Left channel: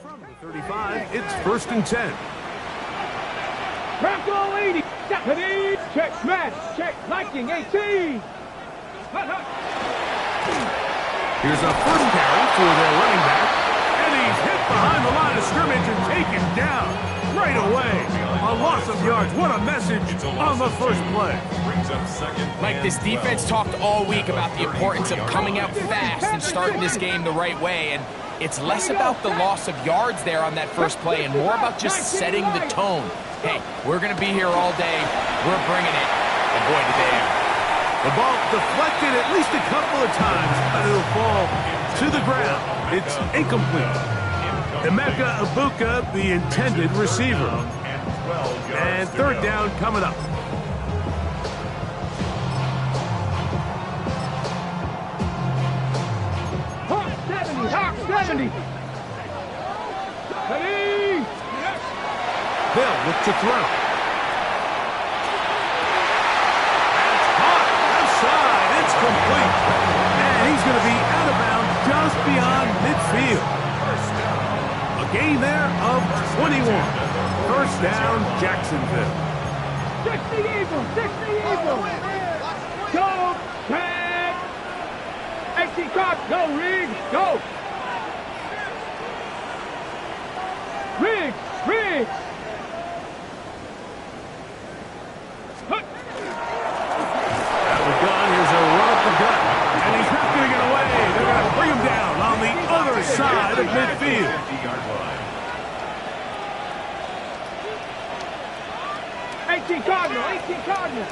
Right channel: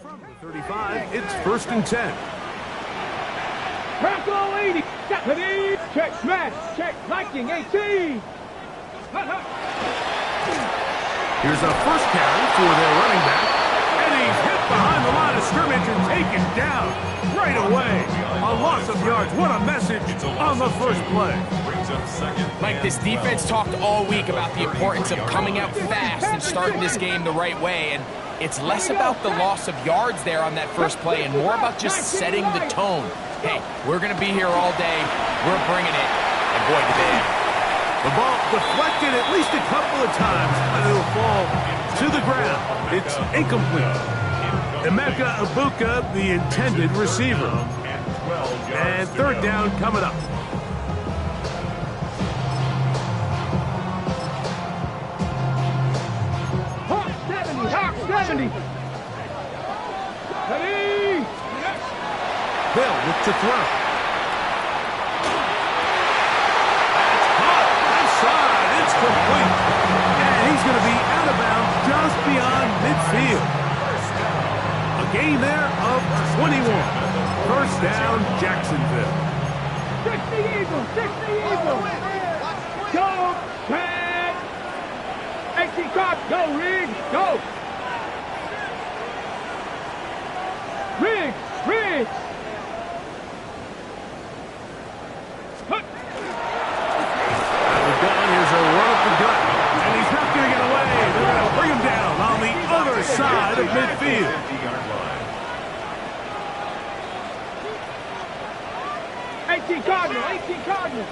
From the 35, it's 1st and 10. Bronco 80. Check, smash. Check, Viking 18. Here's a first carry for their running back. And he's hit behind the line of scrimmage and taken down right away. A loss of yards. What a message on the first play. Mike, this defense talked all week about the importance of coming out fast and starting this game the right way. And it's less about the loss of yards there on that first play and more about just setting the tone. Hey, we're going to be here all day. We're bringing it. And boy, did they ever. The ball deflected at least a couple of times, but it'll fall to the ground. It's incomplete. Emeka Ibuka, the intended receiver. And 3rd down coming up. Hawk 70. Hawk 70. Ready. They'll look to throw. It's complete. And he's going to be out of bounds just beyond midfield. A gain there of 21. 1st down, Jacksonville. 60 Eagles. 60 Eagles. Go, tag. 18 Cox. Go, Riggs. Go. Riggs. Riggs. Gun. Here's a run up the gut. And he's not going to get away. They're going to bring him down on the other side of midfield. 18 Cardinal. 18 Cardinal.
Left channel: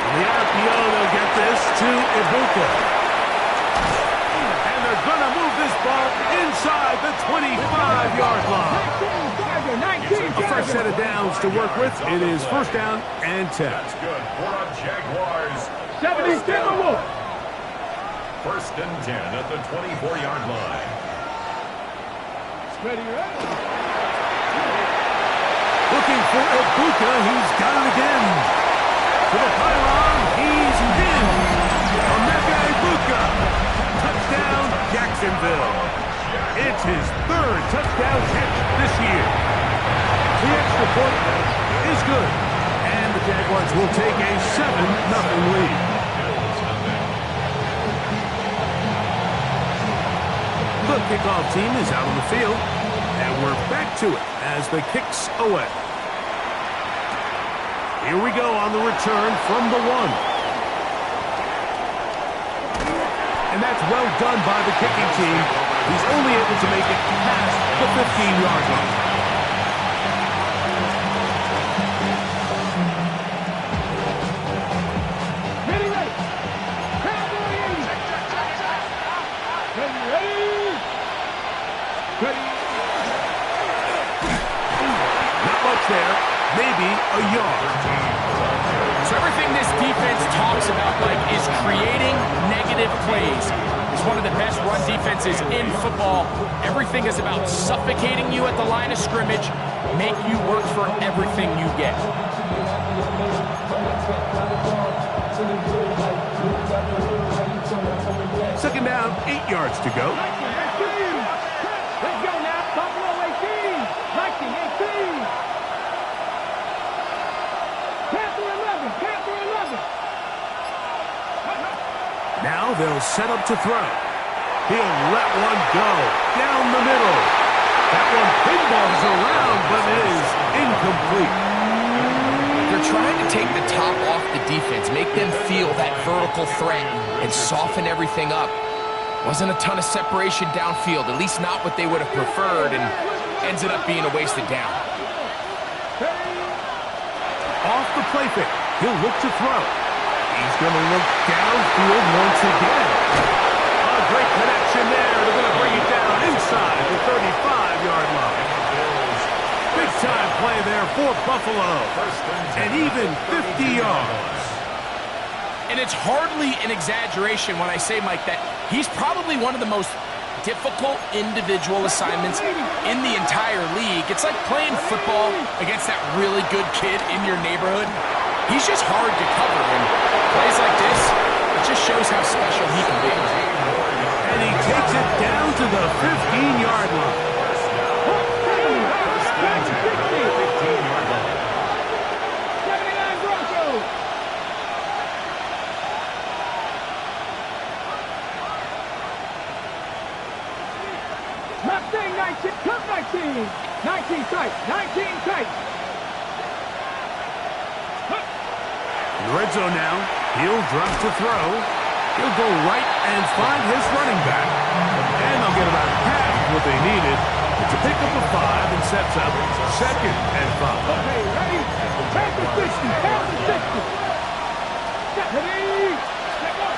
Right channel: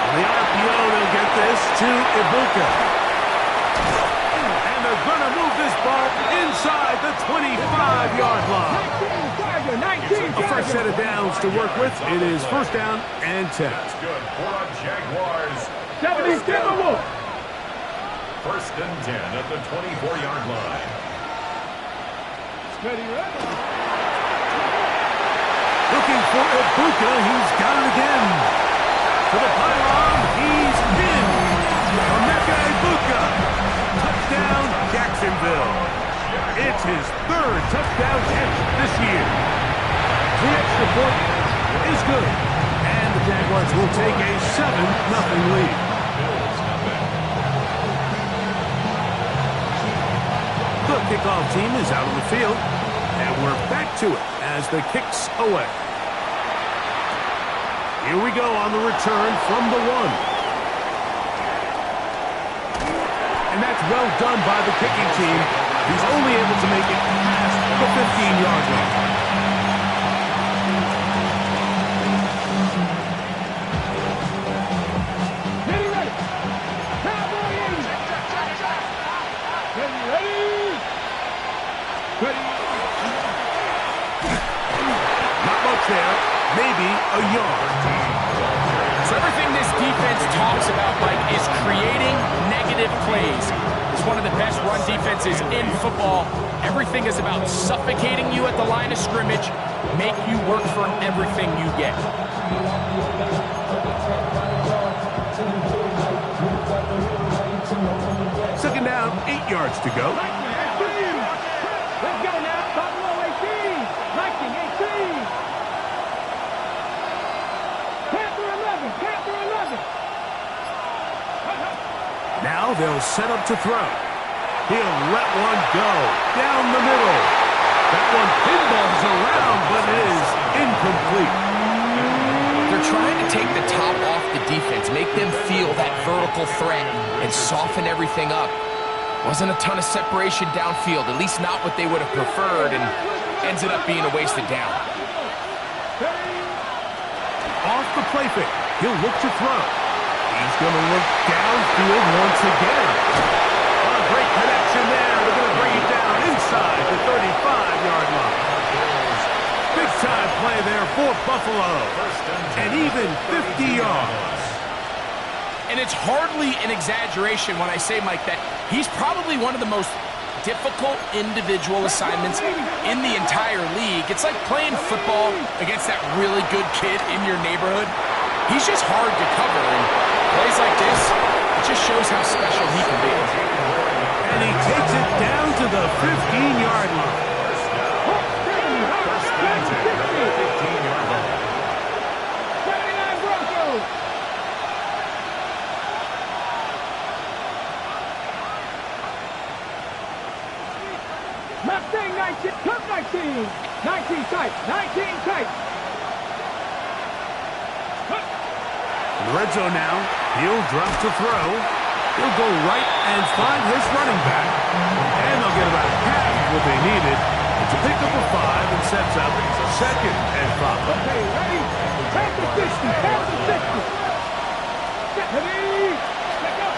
On the RPO, they'll get this to Ibuka. They're going to move this ball inside the 25-yard line. 19, a fresh set of downs to work with. It is 1st down and 10. That's good for a Jaguars. 70 Timberwolves. 1st and 10 at the 24-yard line. Ready, ready. Looking for Ibuka. He's got it again. To the pylon. He's in. Emeka Ibuka. Touchdown, Jacksonville. It's his 3rd touchdown catch this year. The extra point is good. And the Jaguars will take a 7-0 lead. The kickoff team is out on the field. And we're back to it as the kick's away. Here we go on the return from the 1. And that's well done by the kicking team. He's only able to make it past the 15-yard line. Ready, ready. Cowboy 80. Ready, ready. Ready. Not much there. Maybe a yard. So everything this defense talks about, Mike, is creating negative plays. It's one of the best run defenses in football. Everything is about suffocating you at the line of scrimmage, make you work for everything you get. 2nd down, 8 yards to go. Let's go now. Buffalo 18. Viking 18. Panther 11. Panther 11. Now they'll set up to throw. He'll let one go down the middle. That one pinballs around, but it is incomplete. They're trying to take the top off the defense, make them feel that vertical threat, and soften everything up. Wasn't a ton of separation downfield, at least not what they would have preferred, and ends it up being a wasted down. Off the play fake, he'll look to throw. He's going to look downfield once again. A great connection there. They're going to bring it down inside the 35-yard line. Big-time play there for Buffalo. And even 50 yards. And it's hardly an exaggeration when I say, Mike, that he's probably one of the most difficult individual assignments in the entire league. It's like playing football against that really good kid in your neighborhood. He's just hard to cover, and plays like this, it just shows how special he can be. And he takes it down to the 15-yard line. First and 10 at the 15-yard line. 79 Broncos. Mustang 19, Cup 19. 19 tight, 19 tight. In the red zone now, he'll drop to throw. He'll go right and find his running back. And they'll get about half of what they needed. It's a pickup of 5 and sets up 2nd and 5. Okay, ready? Pass the 60, pass the 60. Ready? Let go.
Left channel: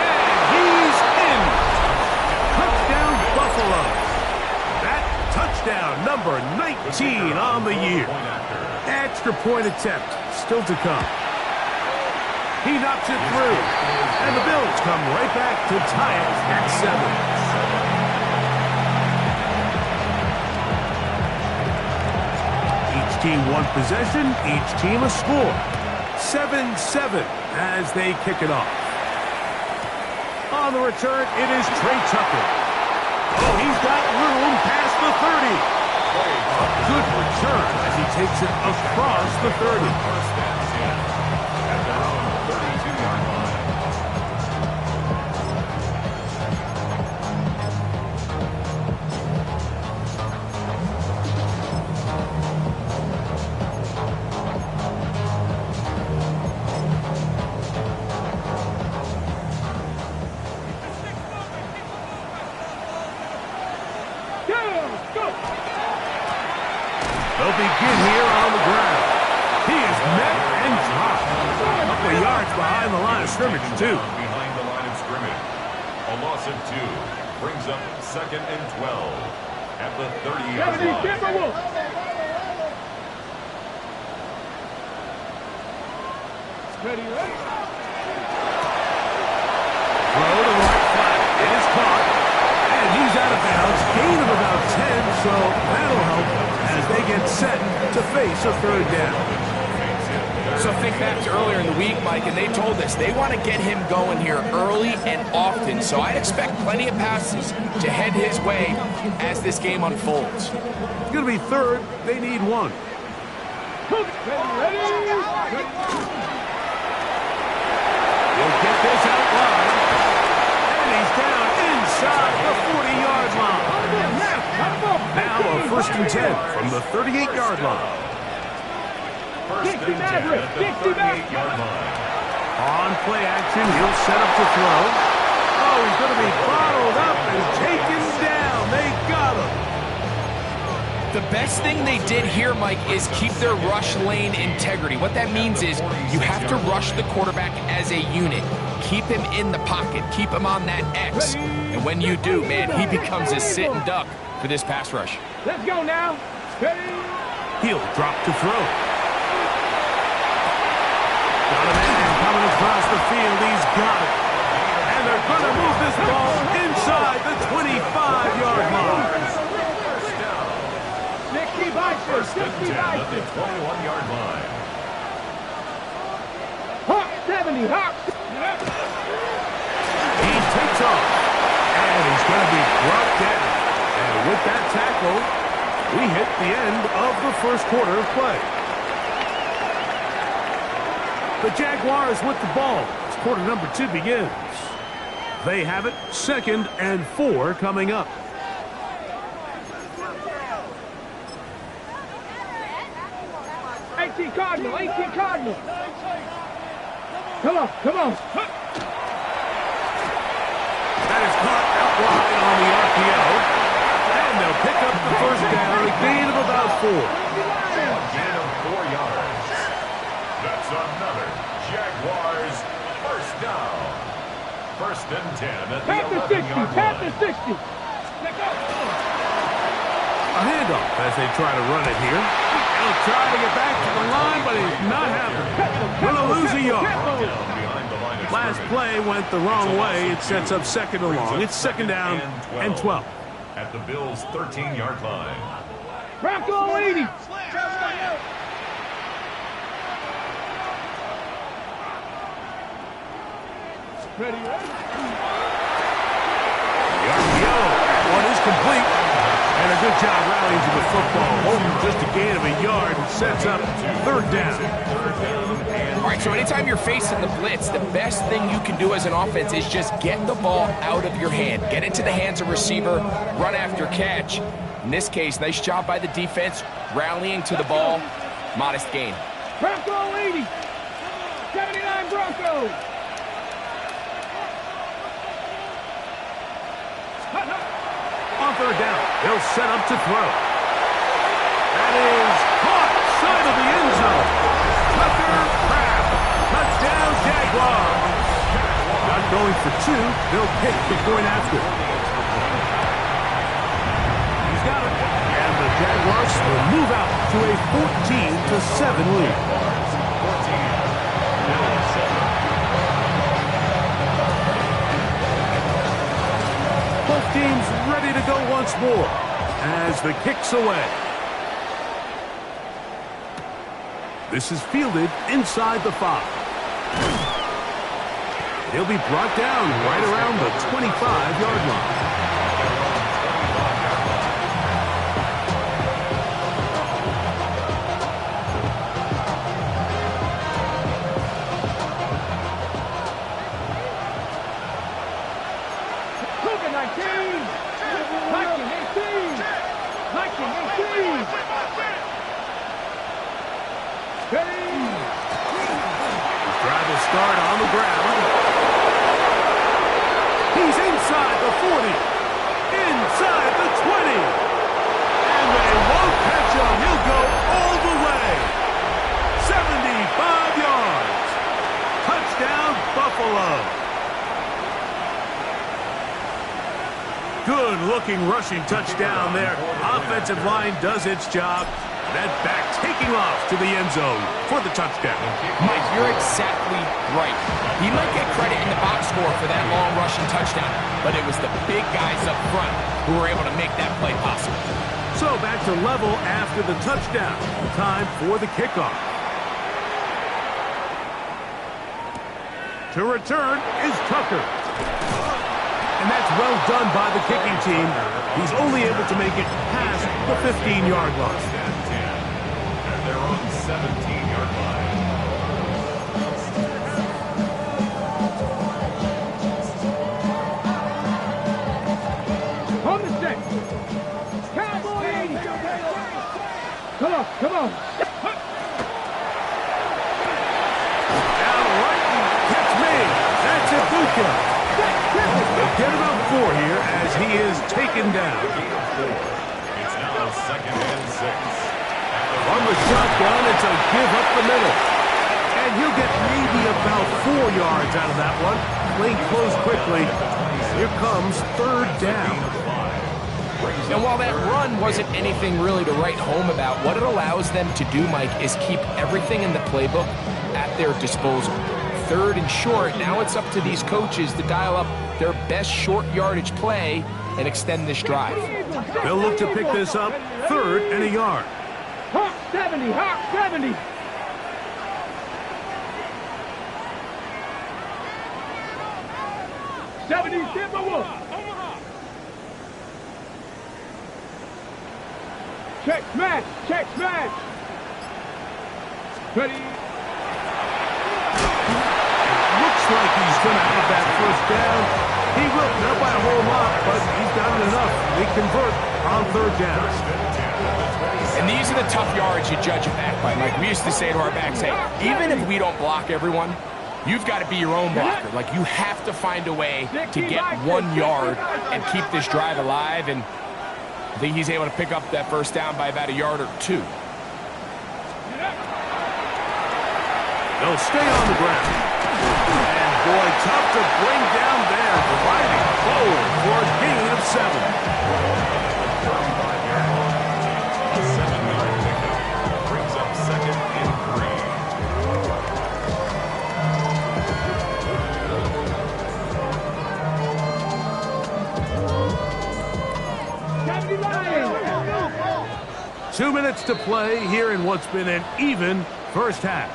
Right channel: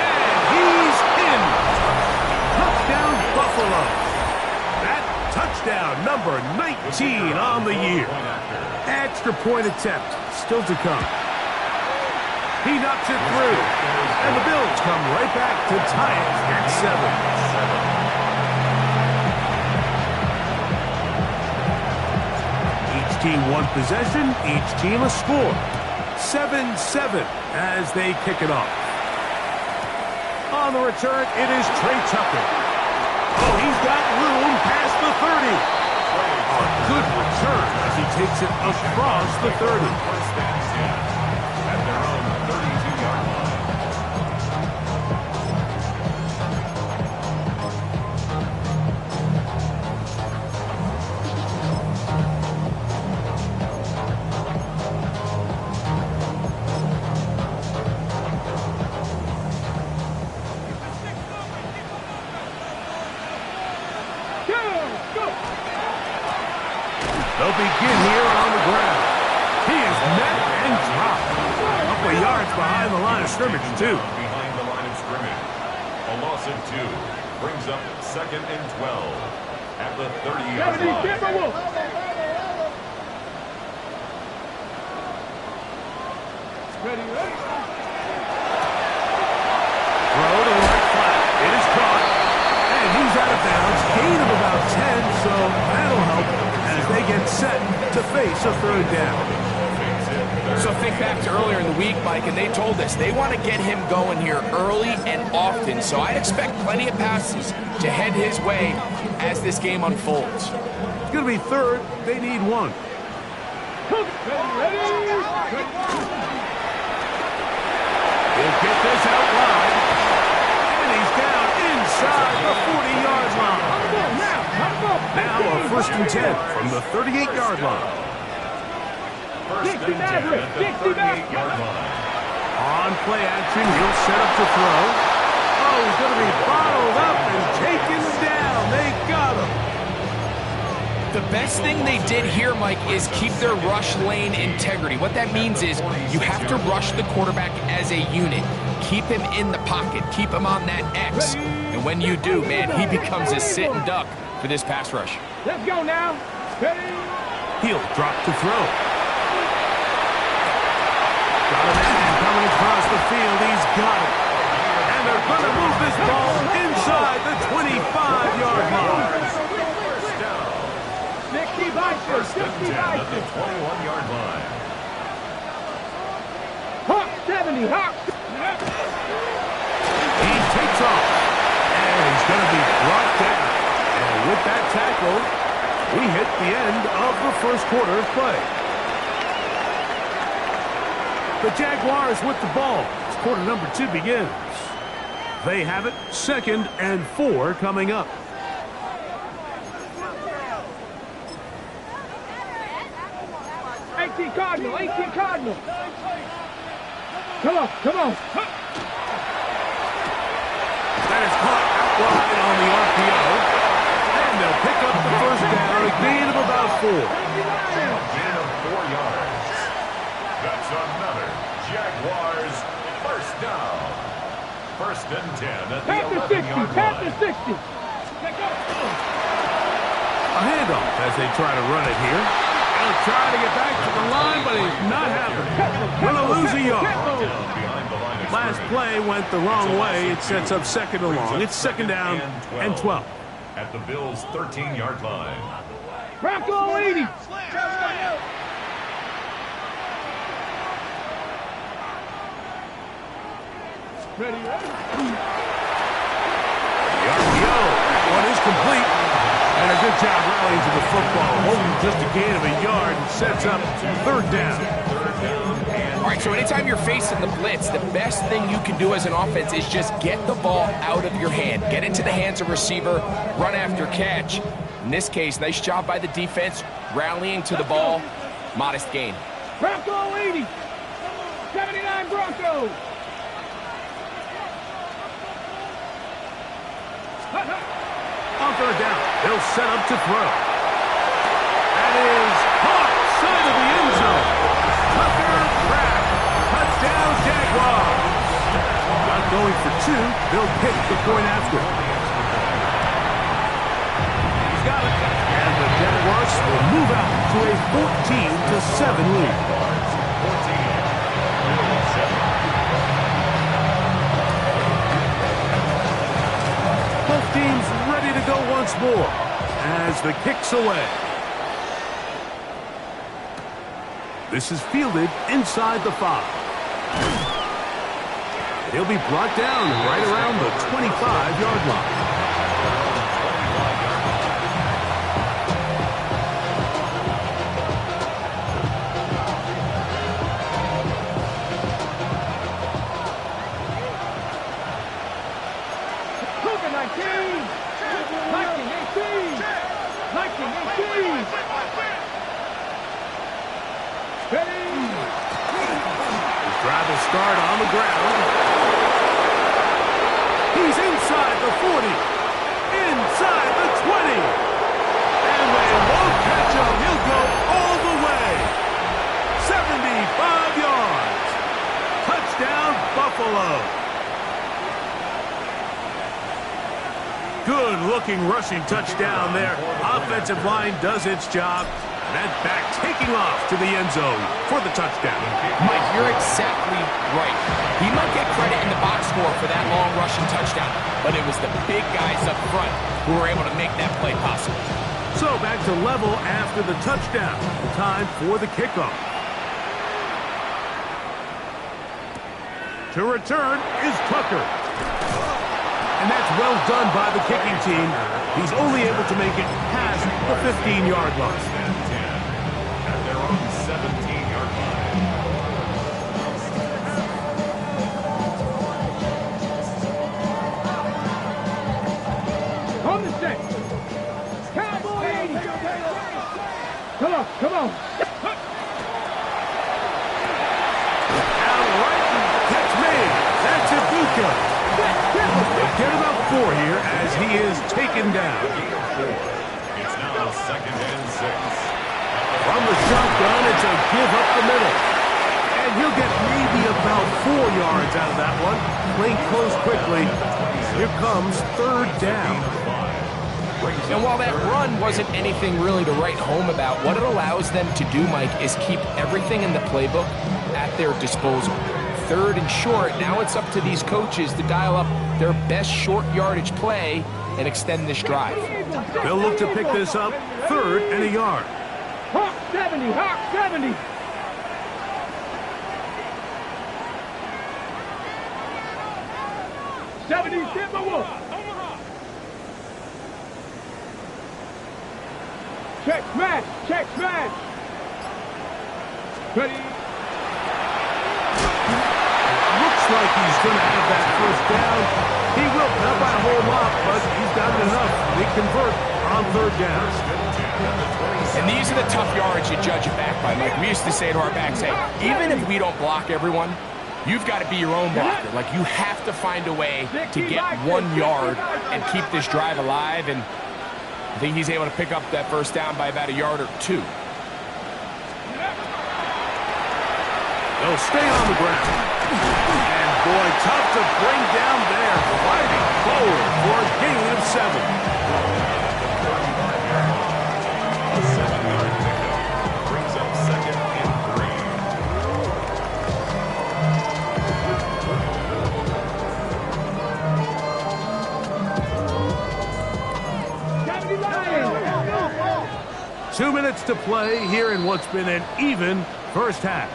And he's in. Touchdown, Buffalo. That touchdown, number 19 on the year. Extra point attempt, still to come. He knocks it through, and the Bills come right back to tie it at 7. Each team one possession, each team a score. 7-7 as they kick it off. On the return, it is Trey Tucker. Oh, he's got room past the 30. A good return as he takes it across the 30. First and 10 at their own 32-yard line. They'll begin here on the ground. He is met and dropped. A couple of yards behind the line of scrimmage, too. Behind the line of scrimmage. A loss of 2 brings up 2nd and 12 at the 30-yard line. Ready, ready. Throw to the right flat. It is caught. And he's out of bounds. Gain of about 10, so that'll help as they get set to face a 3rd down. So think back to earlier in the week, Mike, and they told us they want to get him going here early and often. So I'd expect plenty of passes to head his way as this game unfolds. It's going to be 3rd. They need 1. Ready, ready. He'll get this out wide. And he's down inside the 40-yard line. Now a 1st and 10 from the 38-yard line. First and 10 at the 38-yard line. On play action, he'll set up to throw. Oh, he's going to be bottled up and taken down. They got him. The best thing they did here, Mike, is keep their rush lane integrity. What that means is you have to rush the quarterback as a unit. Keep him in the pocket. Keep him on that X. And when you do, man, he becomes a sitting duck for this pass rush. Let's go now. Ready. He'll drop to throw. Got a man coming across the field. He's got it. And they're going to move this ball inside the 25-yard line. 60 by 6. First and 10 at the 21-yard line. Hawk 70. Hawk. He takes off. And he's going to be brought down. And with that tackle, we hit the end of the first quarter of play. The Jaguars with the ball as quarter number 2 begins. They have it 2nd and 4 coming up. Cardinal, 18 Cardinal. Come on, come on. That is caught out wide on the RPO. And they'll pick up the 1st down, a gain of about 4. A gain of 4 yards. That's another Jaguars 1st down. 1st and 10 at the 11-yard line. Tap the 60. Let go. A handoff as they try to run it here. He'll try to get back to the line, but he's not having it. Going to lose a yard. Down behind the line of Last play went the wrong way. It sets up second and long. It's second down and 12. At the Bills' 13-yard line. Bronco 80. Ready. The RPO. That one is complete. And a good job rallying to the football. Holding just a gain of a yard. Sets up third down. All right, so anytime you're facing the blitz, the best thing you can do as an offense is just get the ball out of your hand. Get into the hands of receiver, run after catch. In this case, nice job by the defense, rallying to the ball. Modest gain. Bronco 80. 79 Broncos. On third down, they'll set up to throw. That is caught side of the end zone. Tucker Craft. Touchdown, Jaguars. Not going for two. They'll pick the point after. He's got it. And the Jaguars will move out to a 14-7 lead. 14, Bills 7. Both teams ready to go once more as the kick's away. This is fielded inside the 5. He'll be brought down right around the 25-yard line. Drive will start on the ground. He's inside the 40. Inside the 20. And they won't catch him. He'll go all the way. 75 yards. Touchdown, Buffalo. Good-looking rushing touchdown there. Offensive line does its job. That back taking off to the end zone for the touchdown. Mike, you're exactly right. He might get credit in the box score for that long rushing touchdown, but it was the big guys up front who were able to make that play possible. So back to level after the touchdown. Time for the kickoff. To return is Tucker. And that's well done by the kicking team. He's only able to make it past the 15-yard line. First and 10 at their own 17-yard line. On the set. Cowboy 80. Come on, come on. Out right and catch me. That's Ibuka. They'll get about 4 here as he is taken down. It's now second and 6. From the shotgun, it's a give up the middle. And he'll get maybe about 4 yards out of that one. Playing close quickly. Here comes third down. And while that run wasn't anything really to write home about, what it allows them to do, Mike, is keep everything in the playbook at their disposal. Third and short, now it's up to these coaches to dial up their best short yardage play and extend this drive. They'll look to pick this up, third and a yard. Hawk 70, Hawk 70. Check smash, check smash. Ready. Looks like he's going to have that first down. He will, not by a whole lot, but he's got it enough. They convert on third down. And these are the tough yards you judge it back by, Mike. We used to say to our backs, hey, even if we don't block everyone, you've got to be your own blocker. Like, you have to find a way to get 1 yard and keep this drive alive. And I think he's able to pick up that first down by about a yard or 2. They'll stay on the ground. And boy, tough to bring down there. Gliding forward for a gain of 7. 35-yard line. A 7-yard pickup brings up second and 3. Lions. 2 minutes to play here in what's been an even first half.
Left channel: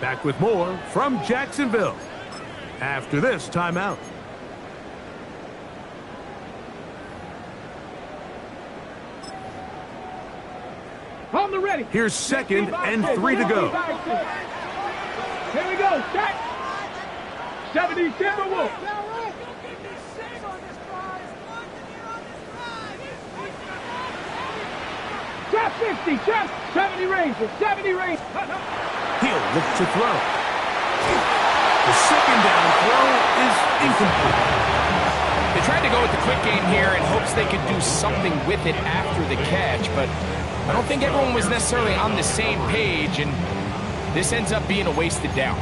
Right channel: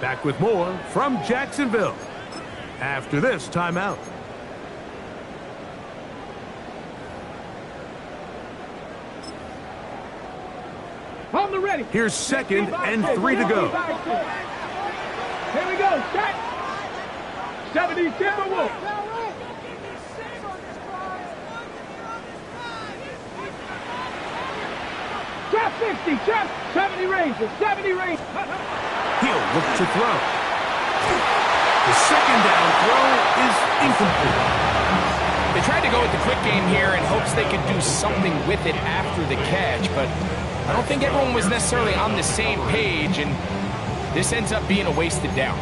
Back with more from Jacksonville after this timeout. On the ready. Here's 2nd and 3 to go. Here we go. Shot. 70 Timberwolves. Chop 60. Chop 70 Rangers. 70 Rangers. He'll look to throw. The second down throw is incomplete. They tried to go with the quick game here in hopes they could do something with it after the catch, but I don't think everyone was necessarily on the same page, and this ends up being a wasted down.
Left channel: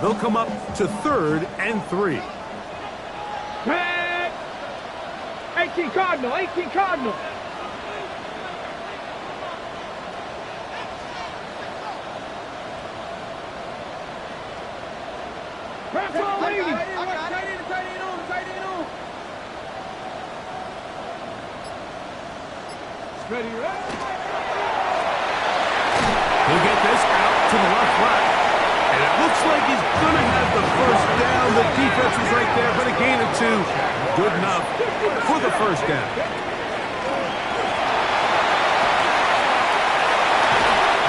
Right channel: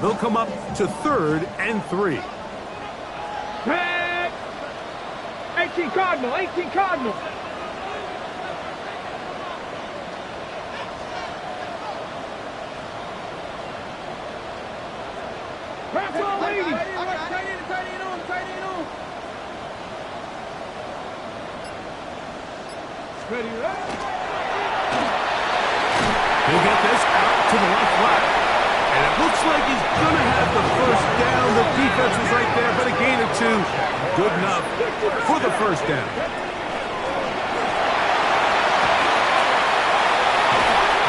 They'll come up to 3rd and 3. 18 Cardinal. 18 Cardinal. Press all 80. Tight end on. Ready, ready. He'll get this out to the left flat. And it looks like he's going to have the first down. The defense was right there, but a gain of 2. Good enough for the first down.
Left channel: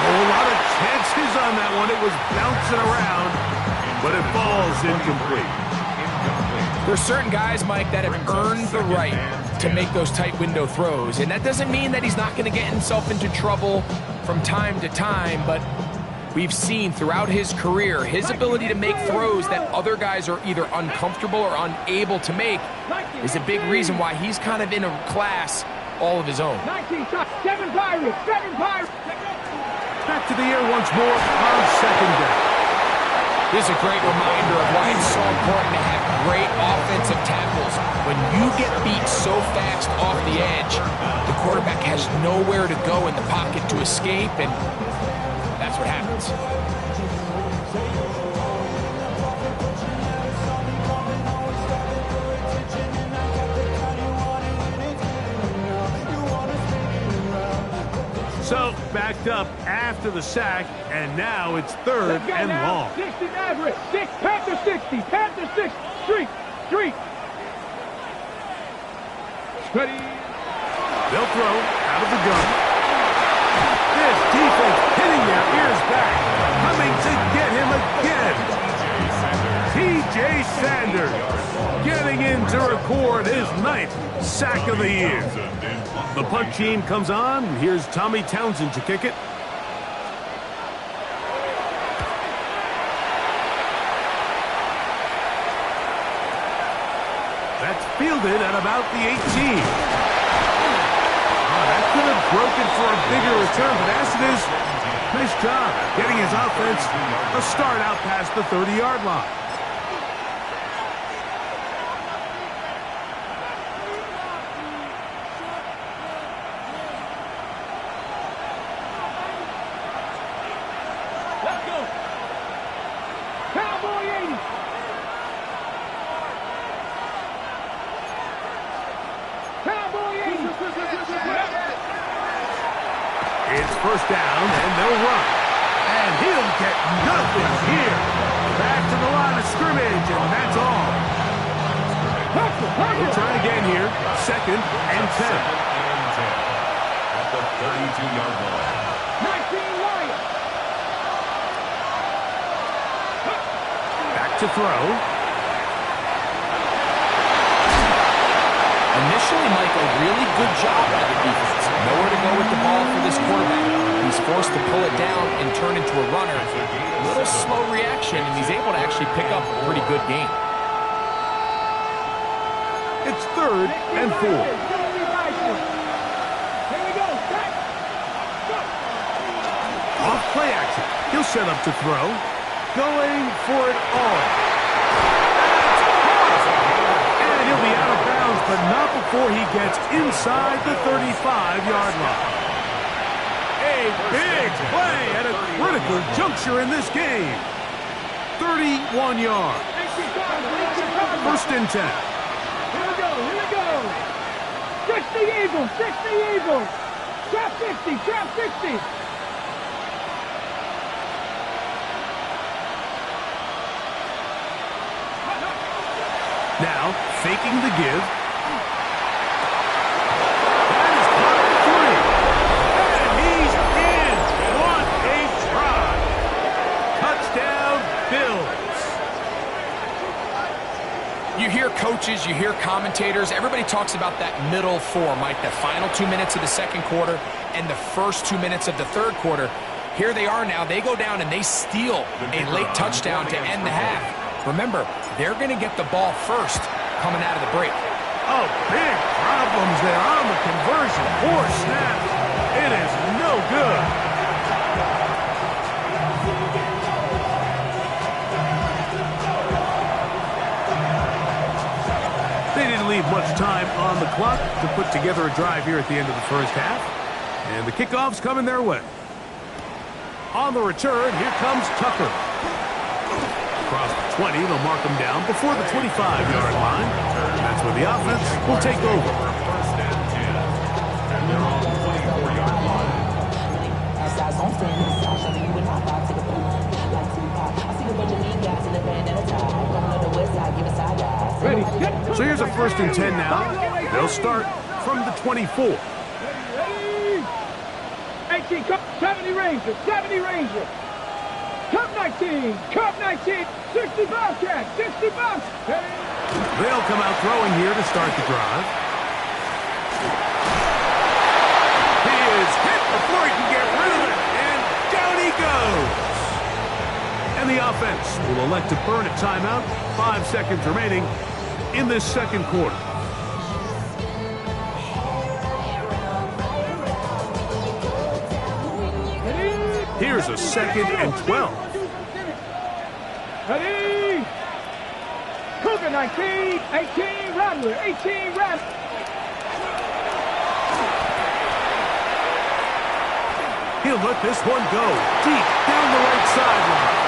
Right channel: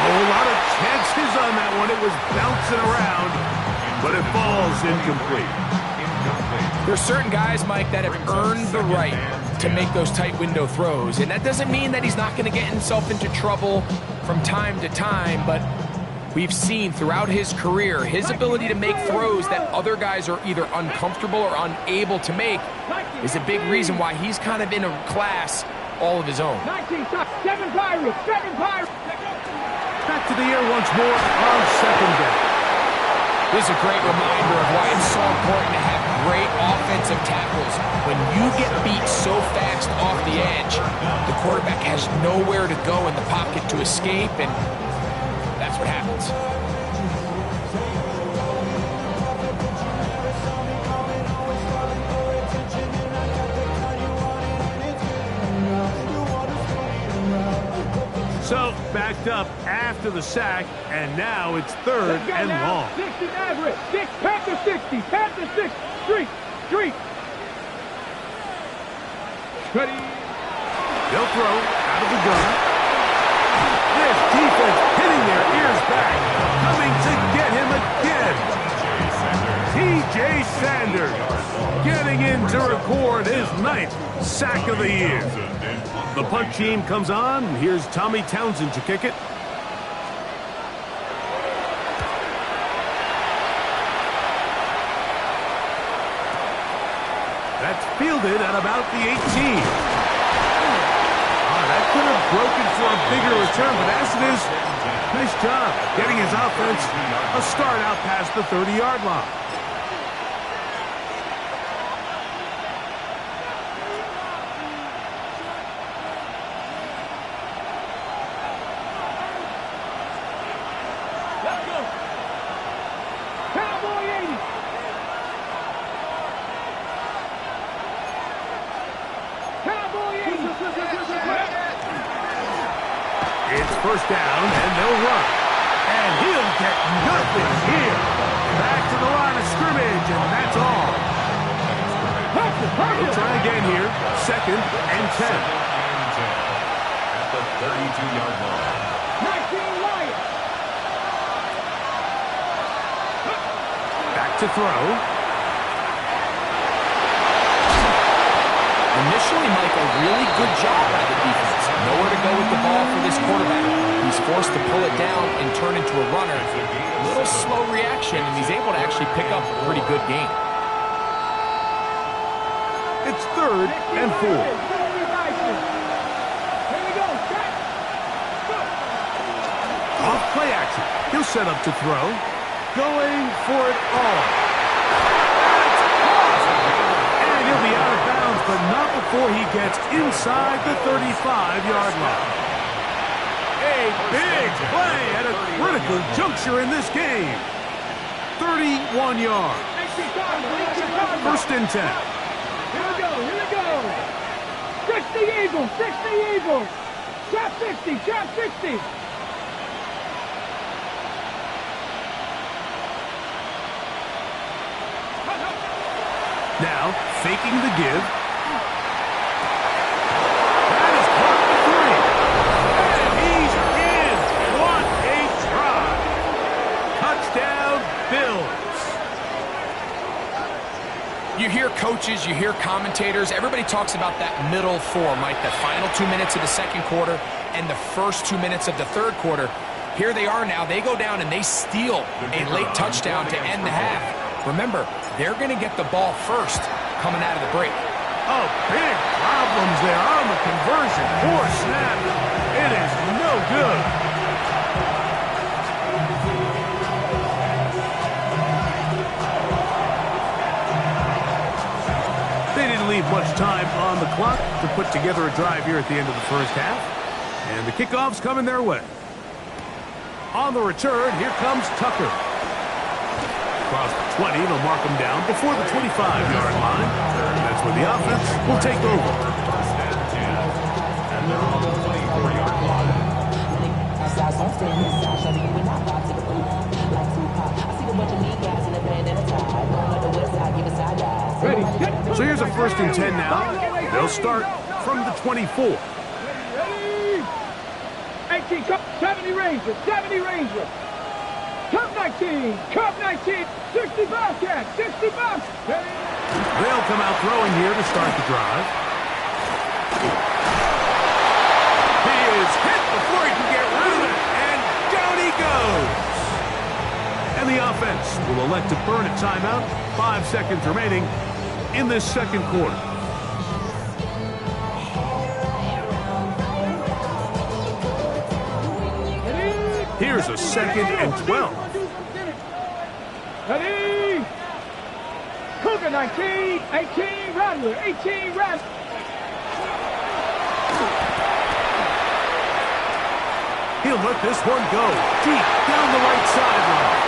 A whole lot of chances on that one. It was bouncing around, but it falls incomplete. There's certain guys, Mike, that have earned the right to make those tight window throws, and that doesn't mean that he's not going to get himself into trouble from time to time, but we've seen throughout his career his ability to make throws that other guys are either uncomfortable or unable to make is a big reason why he's kind of in a class all of his own. 19 top, 7 Pirates, 7 Pirates. Back to the air once more on 2nd down. This is a great reminder of why it's so important to have great offensive tackles. When you get beat so fast off the edge, the quarterback has nowhere to go in the pocket to escape, and that's what happens. So, backed up after the sack, and now it's 3rd and long. 60 Maverick, 6, Panther 60, Panther 6, street. Ready. They'll throw out of the gun. This defense hitting their ears back, coming to get him again. T.J. Sanders getting in to record his 9th sack of the year. The punt team comes on, and here's Tommy Townsend to kick it. That's fielded at about the 18. That could have broken for a bigger return, but as it is, nice job getting his offense a start out past the 30-yard line. Let's go. Cowboy 80. Cowboy 80. It's 1st down, and they'll run. And he'll get nothing here. Back to the line of scrimmage, and that's all. We'll try again here. 2nd and 10. At the 32-yard line. 19 Lions. Back to throw. Initially, Mike, a really good job by the defense. Nowhere to go with the ball for this quarterback. He's forced to pull it down and turn into a runner. A little slow reaction, and he's able to actually pick up a pretty good game. It's 3rd and 4. Here we go. Off play action. He'll set up to throw. Going for it all. That's caught. And he'll be out of bounds, but not before he gets inside the 35-yard line. A big play at a critical juncture in this game. 31 yards. First and 10. Here we go, here we go. 60 Eagles, 60 Eagles. Trap 60, trap 60. Now, faking the give. That is caught for 3. And he's in. What a try. Touchdown, Bills. You hear coaches, you hear commentators, everybody talks about that middle four, Mike, the final 2 minutes of the second quarter and the first 2 minutes of the third quarter. Here they are now. They go down and they steal a late touchdown to end the half. Remember, they're going to get the ball first coming out of the break. Oh, big problems there on the conversion. 4 snaps. It is no good. They didn't leave much time on the clock to put together a drive here at the end of the first half. And the kickoff's coming their way. On the return, here comes Tucker. Across the 20, they'll mark him down before the 25-yard line. That's where the offense will take over. First and 10. And they're on the 24-yard line. So here's a first and 10 now. They'll start from the 24. Ready? 18, cup 70 Ranger, 70 Ranger. Cup 19, cup 19, 60 Bobcat, 60 Bobcat. They'll come out throwing here to start the drive. He is hit before he can get rid of it, and down he goes. And the offense will elect to burn a timeout. 5 seconds remaining in this second quarter. Here's a second and 12. Ready? Cougar 19, 18 Rattler, 18 Rattler. He'll let this one go deep down the right sideline.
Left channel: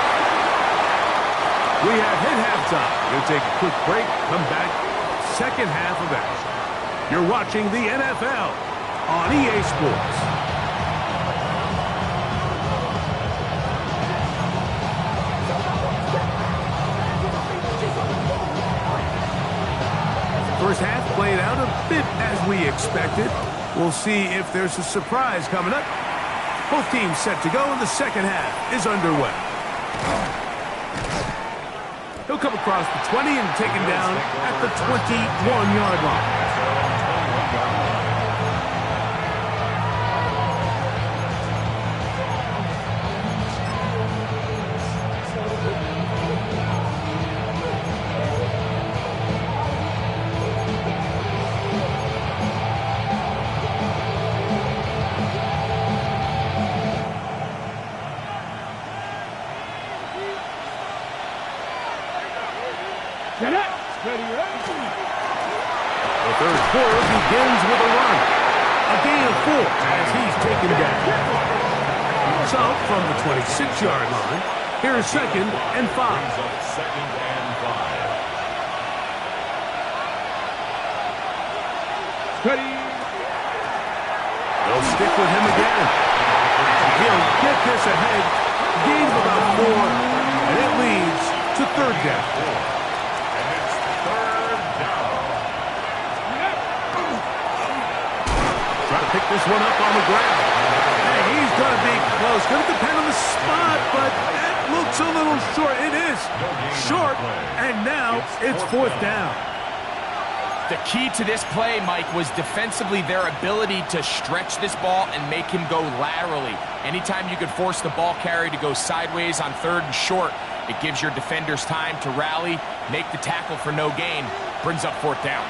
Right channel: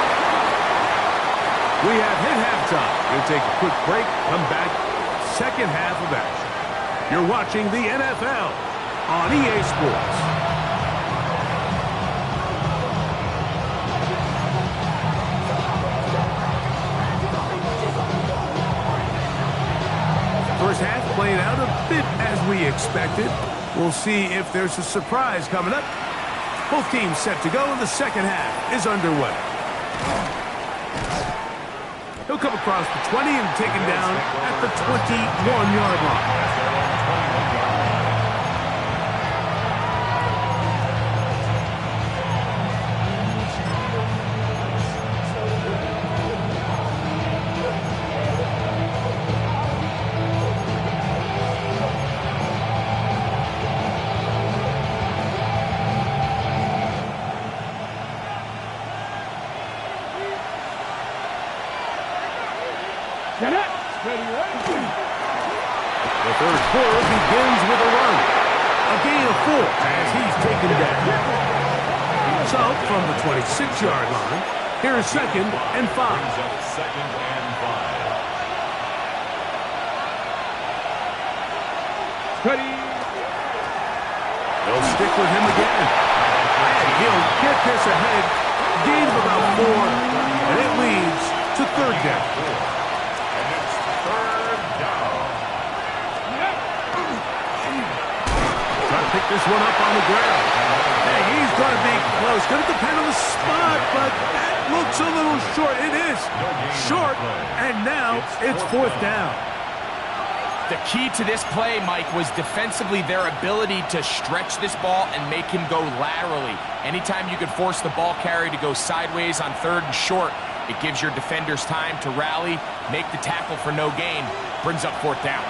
We have hit halftime. We'll take a quick break, come back, second half of action. You're watching the NFL on EA Sports. First half played out a bit as we expected. We'll see if there's a surprise coming up. Both teams set to go, and the second half is underway. He'll come across the 20 and taken down at the 21-yard line. Ready, ready. The third quarter begins with a run. A gain of 4 as he's taken down. So, from the 26-yard line, here is second and 5. Second and 5. Ready. They'll stick with him again. And he'll get this ahead. Gain of about 4, and it leads to third down. Try to pick this one up on the ground. Hey, he's going to be close. Going to depend on the spot, but that looks a little short. It is short, and now it's fourth down. The key to this play, Mike, was defensively their ability to stretch this ball and make him go laterally. Anytime you could force the ball carrier to go sideways on third and short, it gives your defenders time to rally, make the tackle for no gain, brings up fourth down.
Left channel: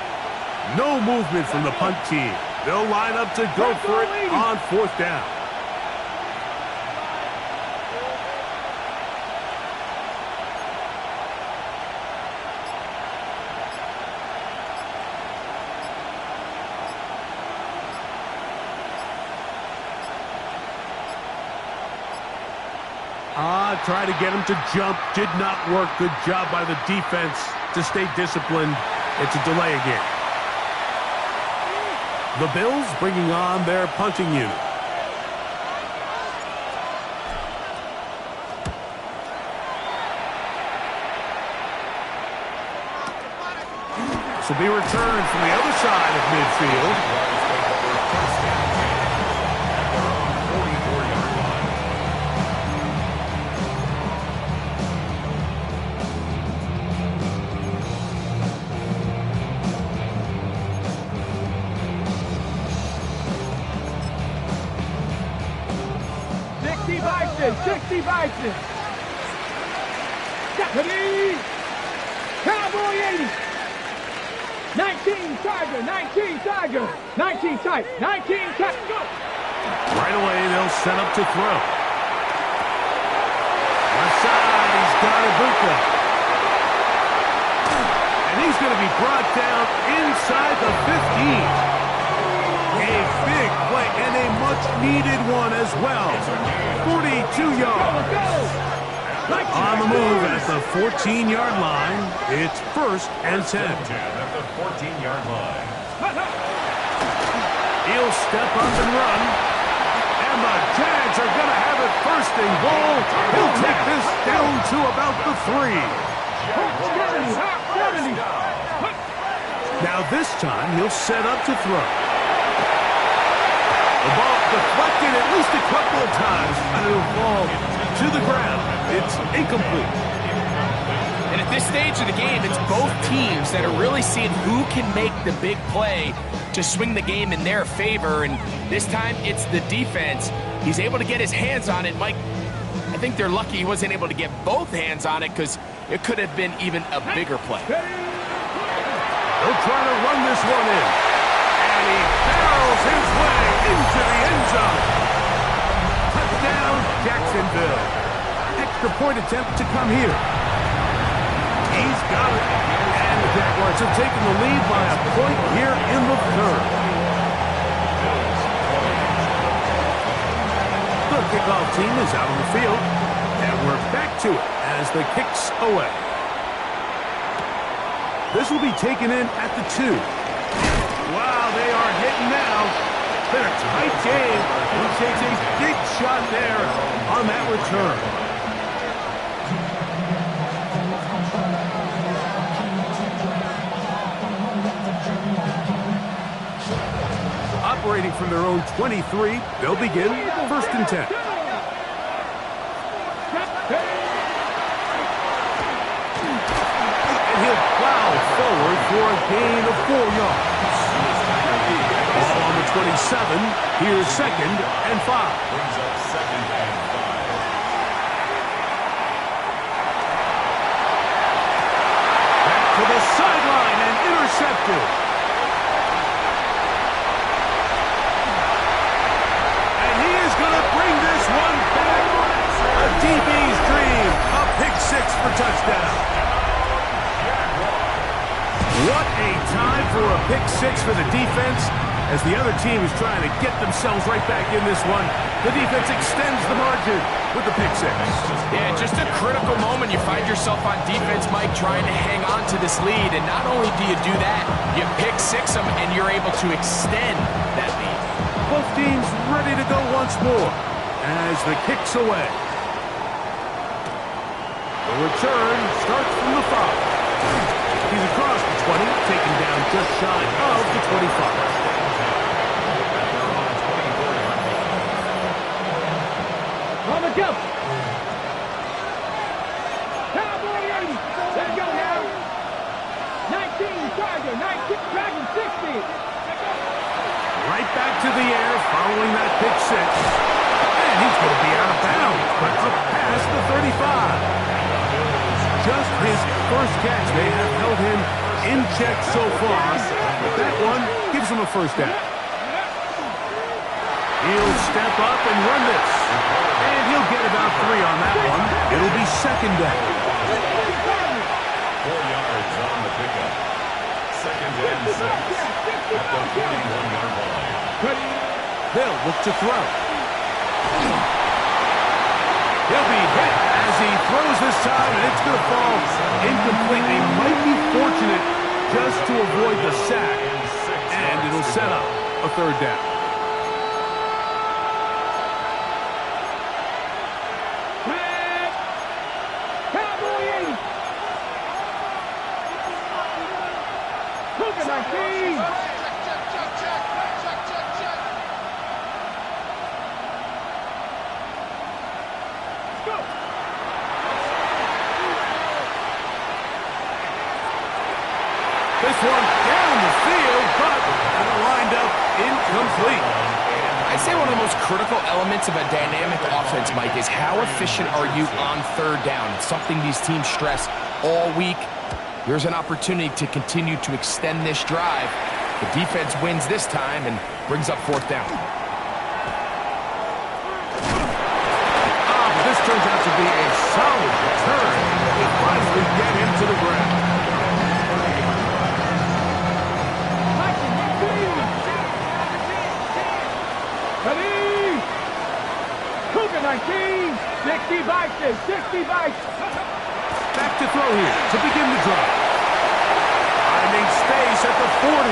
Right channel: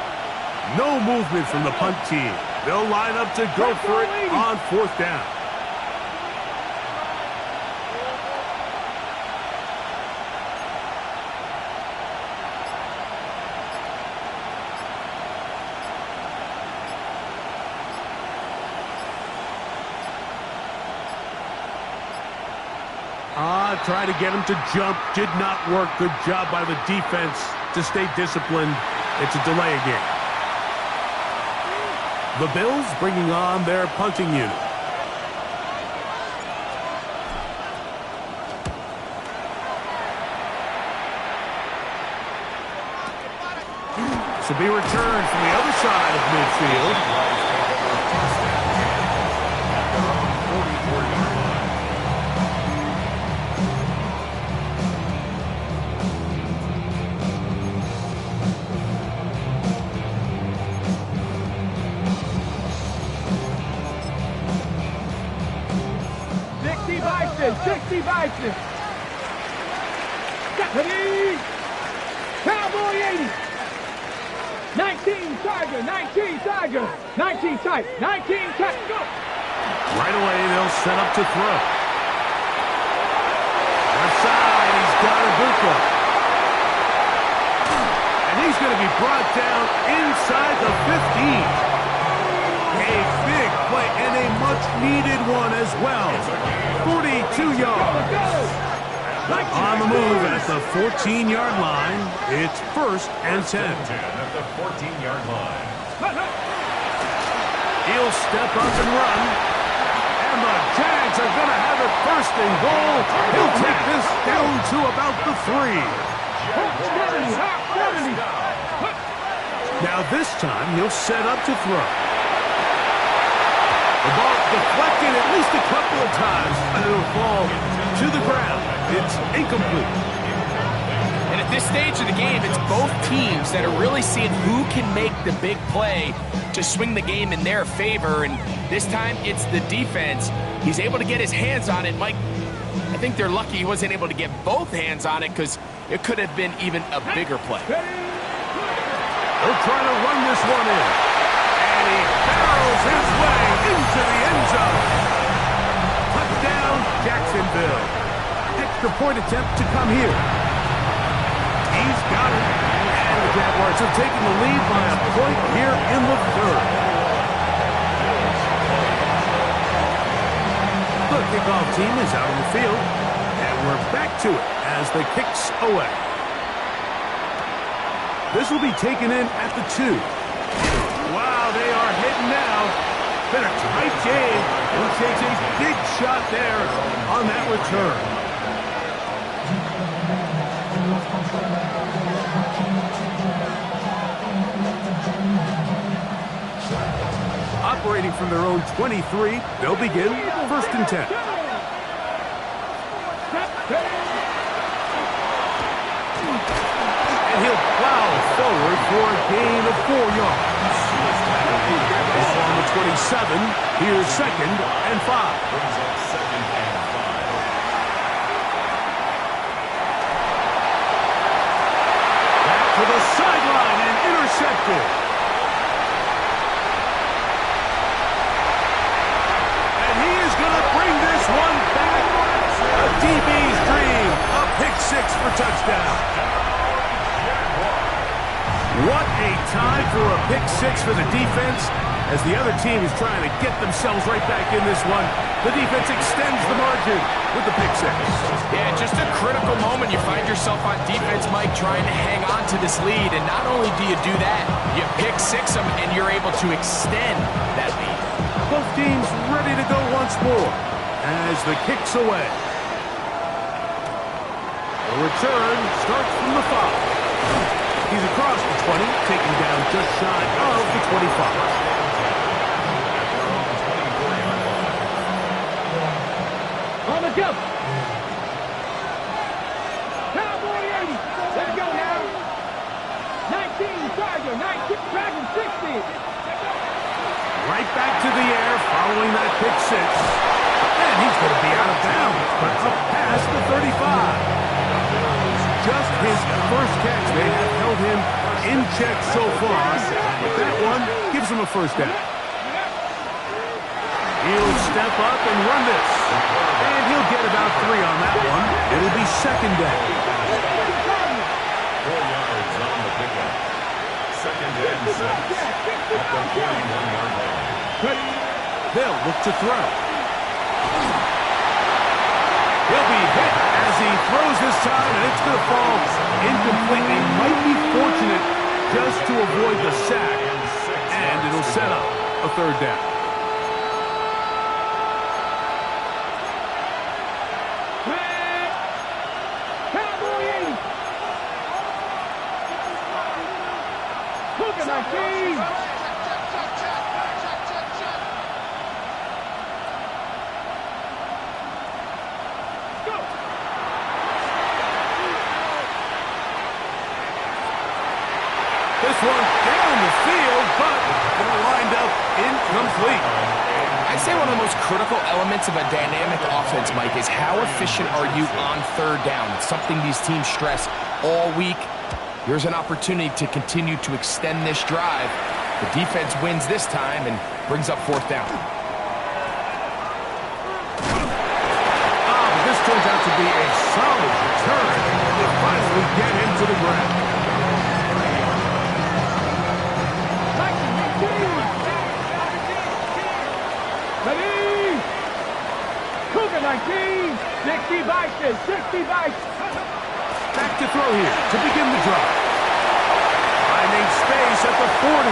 No movement from the punt team. They'll line up to go for it on fourth down. Try to get him to jump. Did not work. Good job by the defense to stay disciplined. It's a delay again. The Bills bringing on their punting unit. This will be returned from the other side of midfield. 60 Bison. Deputy. Cowboy 80. 19 Tiger. 19 Tiger. 19 tight. 19 tight. Go. Right away, they'll set up to throw. Left side, he's got Ibuka. And he's going to be brought down inside the 15. A big play and a much-needed one as well. 42 yards. On the move at the 14-yard line. It's 1st and 10. At the 14-yard line. He'll step up and run. And the Jags are going to have it 1st and goal. He'll take this down to about the 3. Now this time he'll set up to throw. The ball deflected at least a couple of times, and it'll fall to the ground. It's incomplete. And at this stage of the game, it's both teams that are really seeing who can make the big play to swing the game in their favor. And this time, it's the defense. He's able to get his hands on it. Mike, I think they're lucky he wasn't able to get both hands on it because it could have been even a bigger play. He'll try to run this one in. And he barrels his way into the end zone. Touchdown, Jacksonville. Extra point attempt to come here. He's got it. And the Jaguars have taken the lead by a point here in the 3rd. The kickoff team is out on the field. And we're back to it as the kick's away. This will be taken in at the 2. Wow, they are hitting now. Been a tight game. He takes a big shot there on that return. Operating from their own 23, they'll begin 1st and 10. And he'll plow forward for a gain of 4 yards. Ball on the 27. Here's 2nd and 5. Brings up 2nd and 5. Back to the sideline and intercepted. And he is going to bring this one back. A DB's dream. A pick 6 for touchdown. What a time for a pick 6 for the defense. As the other team is trying to get themselves right back in this one, the defense extends the margin with the pick 6. Yeah, just a critical moment. You find yourself on defense, Mike, trying to hang on to this lead. And not only do you do that, you pick 6 them, and you're able to extend that lead. Both teams ready to go once more as the kick's away. The return starts from the 5. He's across the 20, taking down just shy of the 25. At their own 24-yard line. On the jump. Cowboy 80. Let's go now. 19 Tiger. 19 Dragon 60. Right back to the air following that pick 6. And he's going to be out of bounds, but up past the 35. Just his first catch. They have held him in check so far, but that one gives him a 1st down. He'll step up and run this, and he'll get about 3 on that one. It'll be 2nd down. 4 yards on the pickup. 2nd and 6 at the 41-yard line. They'll look to throw. He'll be hit as he throws this time, and it's going to fall incomplete. They might be fortunate just to avoid the sack, and it'll set up a third down. Cowboy 80. Hook at 19. Go. This one down the field, but lined up incomplete. I'd say one of the most critical elements of a dynamic offense, Mike, is how efficient are you on third down. It's something these teams stress all week. Here's an opportunity to continue to extend this drive. The defense wins this time and brings up fourth down. But this turns out to be a solid return to finally get him to the ground. Ready? Cougar 19. 60 vices. 60 vices. Back to throw here to begin the drive. Finding space at the 40.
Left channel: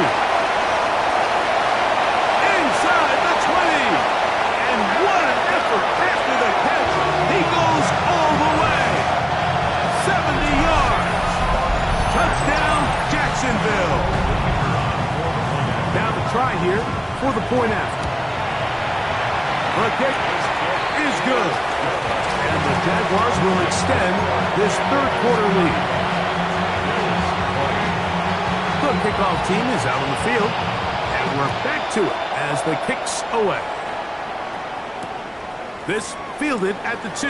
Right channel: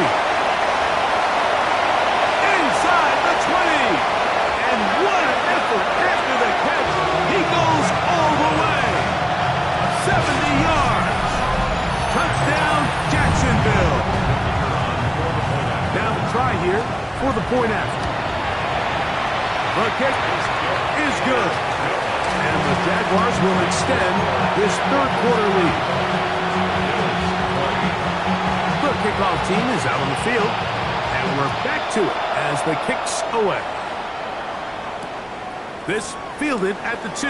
Inside the 20. And what an effort after the catch. He goes all the way. 70 yards. Touchdown, Jacksonville. Now the try here for the point after. The kick is good. And the Jaguars will extend this third quarter lead. The kickoff team is out on the field. And we're back to it as the kick's away. This fielded at the 2.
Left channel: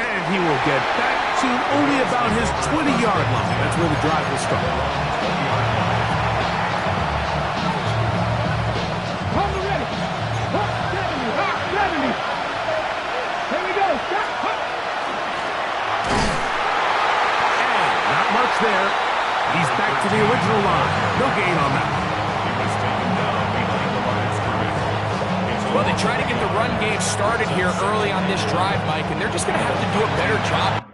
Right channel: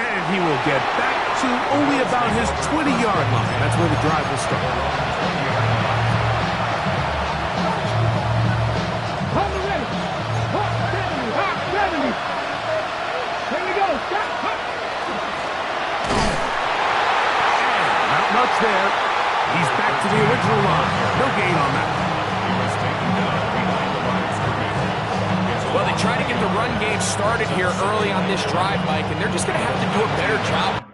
And he will get back to only about his 20-yard line. That's where the drive will start. Hold it ready. Hot 70. Hot 70. Here we go. Shot. Hot. And not much there. He's back to the original line. No gain on that. He was taken down behind the line of scrimmage. Well, they try to get the run game started here early on this drive, Mike, and they're just going to have to do a better job.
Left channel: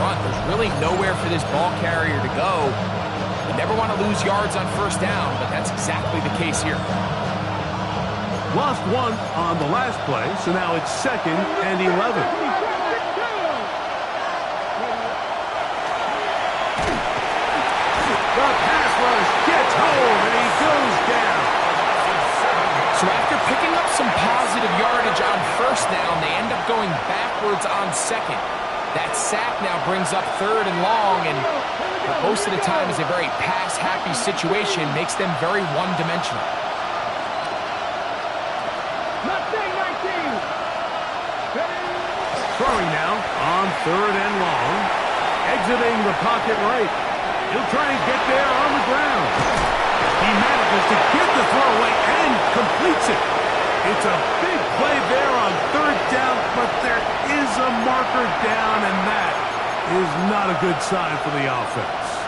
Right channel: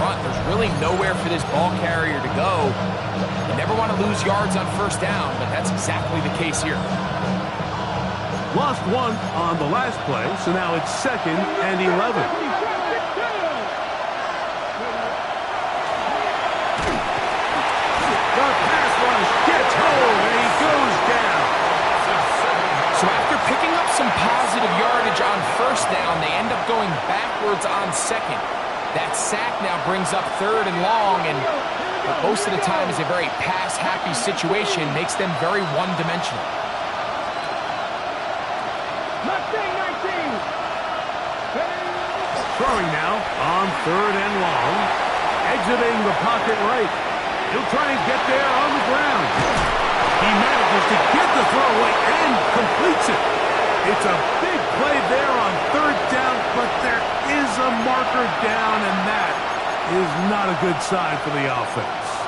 There's really nowhere for this ball carrier to go. You never want to lose yards on first down, but that's exactly the case here. Lost one on the last play, so now it's 2nd and 11. The pass rush gets home, and he goes down. So after picking up some positive yardage on first down, they end up going backwards on second. That sack now brings up 3rd and long, and most of the time is a very pass-happy situation, makes them very one-dimensional. Throwing now on 3rd and long, exiting the pocket right. He'll try and get there on the ground. He manages to get the throw away and completes it. It's a big play there on 3rd down, but there is a marker down, and that is not a good sign for the offense.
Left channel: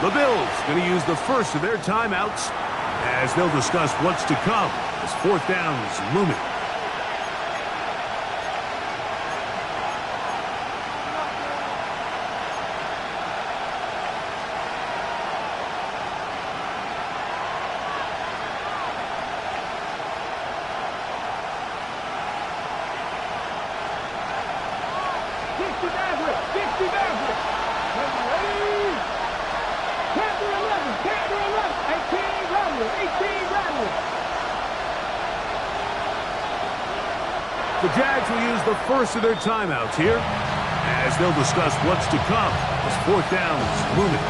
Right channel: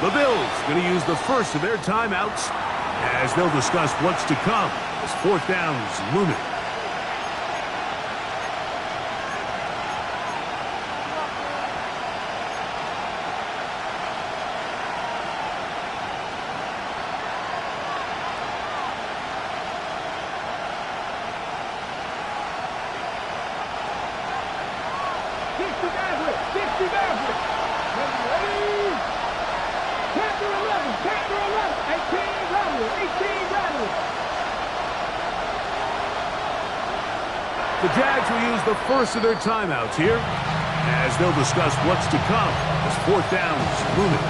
The Bills going to use the first of their timeouts as they'll discuss what's to come as 4th down is looming. The Jags will use the first of their timeouts here as they'll discuss what's to come as 4th down is looming.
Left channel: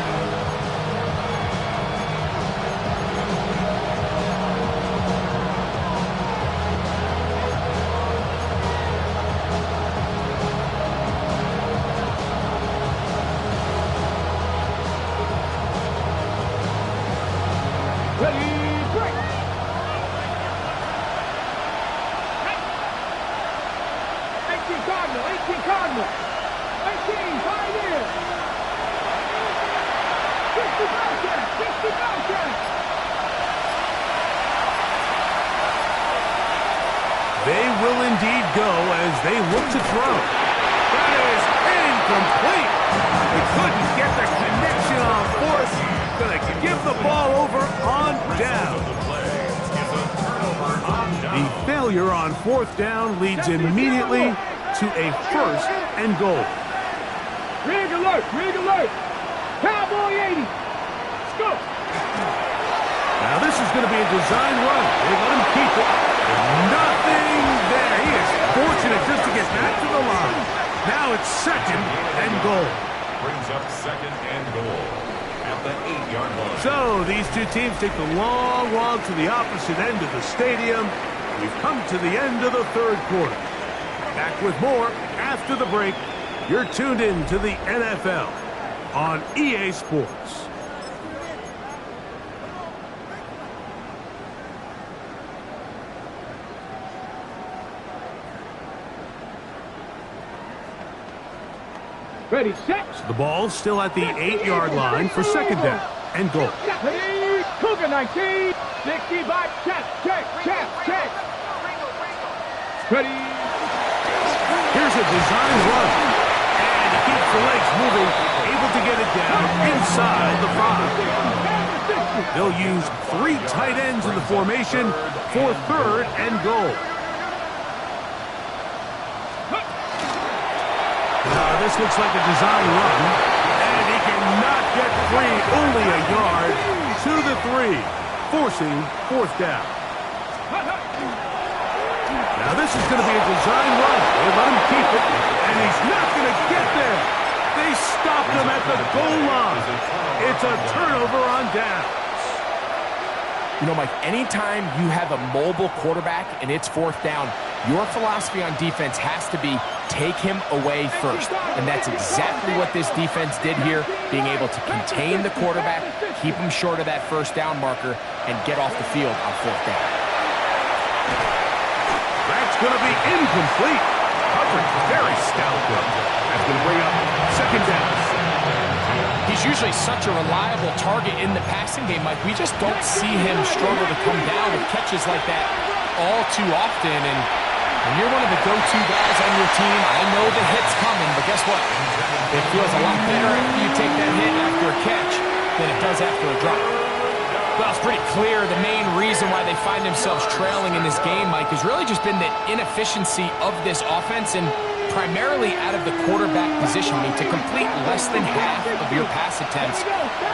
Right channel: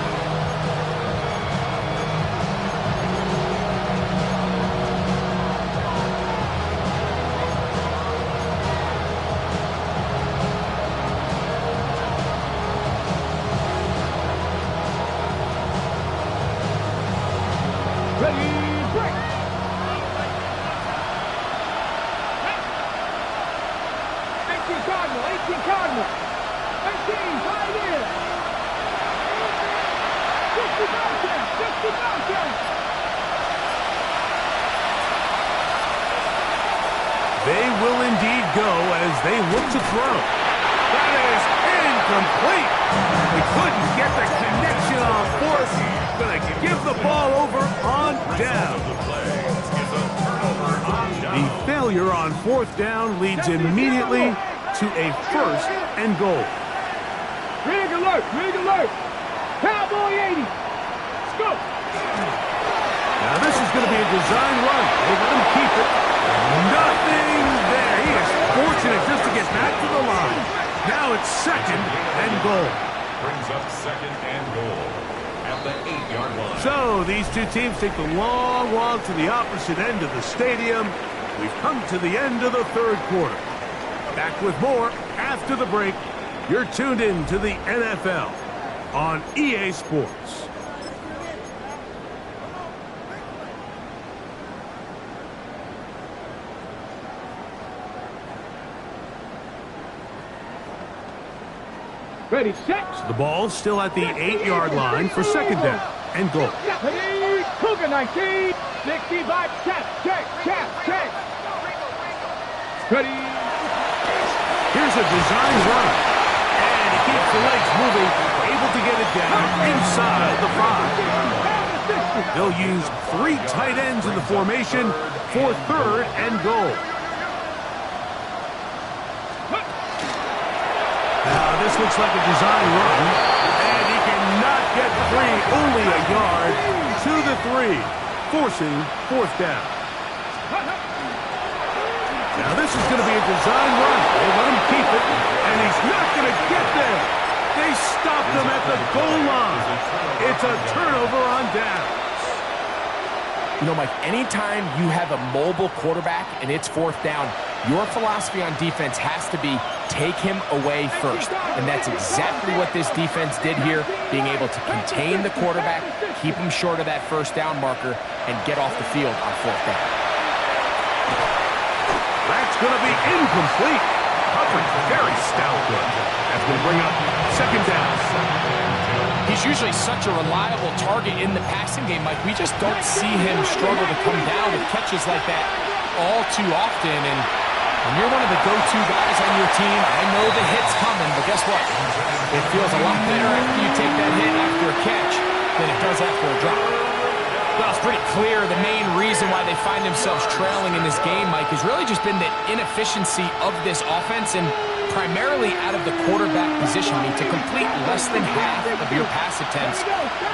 Cardinal, 18 Cardinal. 18, tight end. 60 Bobcat, 60 Bobcat. They will indeed go as they look to throw. That is incomplete. They couldn't get the connection on fourth. Going to give the ball over on down. The failure on fourth down leads immediately to a first and goal. Rig alert, rig alert. Cowboy 80. Let's go. Now this is going to be a design run. They let him keep it. Nothing there. He is fortunate just to get back to the line. Now it's second and goal. Brings up second and goal at the 8-yard line. So these two teams take the long walk to the opposite end of the stadium. We've come to the end of the third quarter. Back with more after the break. You're tuned in to the NFL on EA Sports. Ready, set. The ball's still at the 8-yard line for second down and goal. Ready, Cougar 19. 65, check. Ready. Here's a design run. And he keeps the legs moving, able to get it down inside the 5. They'll use 3 tight ends in the formation for third and goal. Now this looks like a design run. And he cannot get free, only a yard to the 3, forcing fourth down. Now this is going to be a design run. They let him keep it, and he's not going to get there. They stopped him at the goal line. It's a turnover on downs. You know, Mike, anytime you have a mobile quarterback and it's fourth down, your philosophy on defense has to be take him away first. And that's exactly what this defense did here, being able to contain the quarterback, keep him short of that first down marker, and get off the field on fourth down. That's going to be incomplete. Coverage very stout there. That's going to bring up second down. He's usually such a reliable target in the passing game, Mike. We just don't see him struggle to come down with catches like that all too often. And when you're one of the go-to guys on your team, I know the hit's coming, but guess what? It feels a lot better after you take that hit after a catch than it does after a drop. Well, it's pretty clear the main reason why they find themselves trailing in this game, Mike, has really just been the inefficiency of this offense and primarily out of the quarterback position. I mean, to complete less than half of your pass attempts,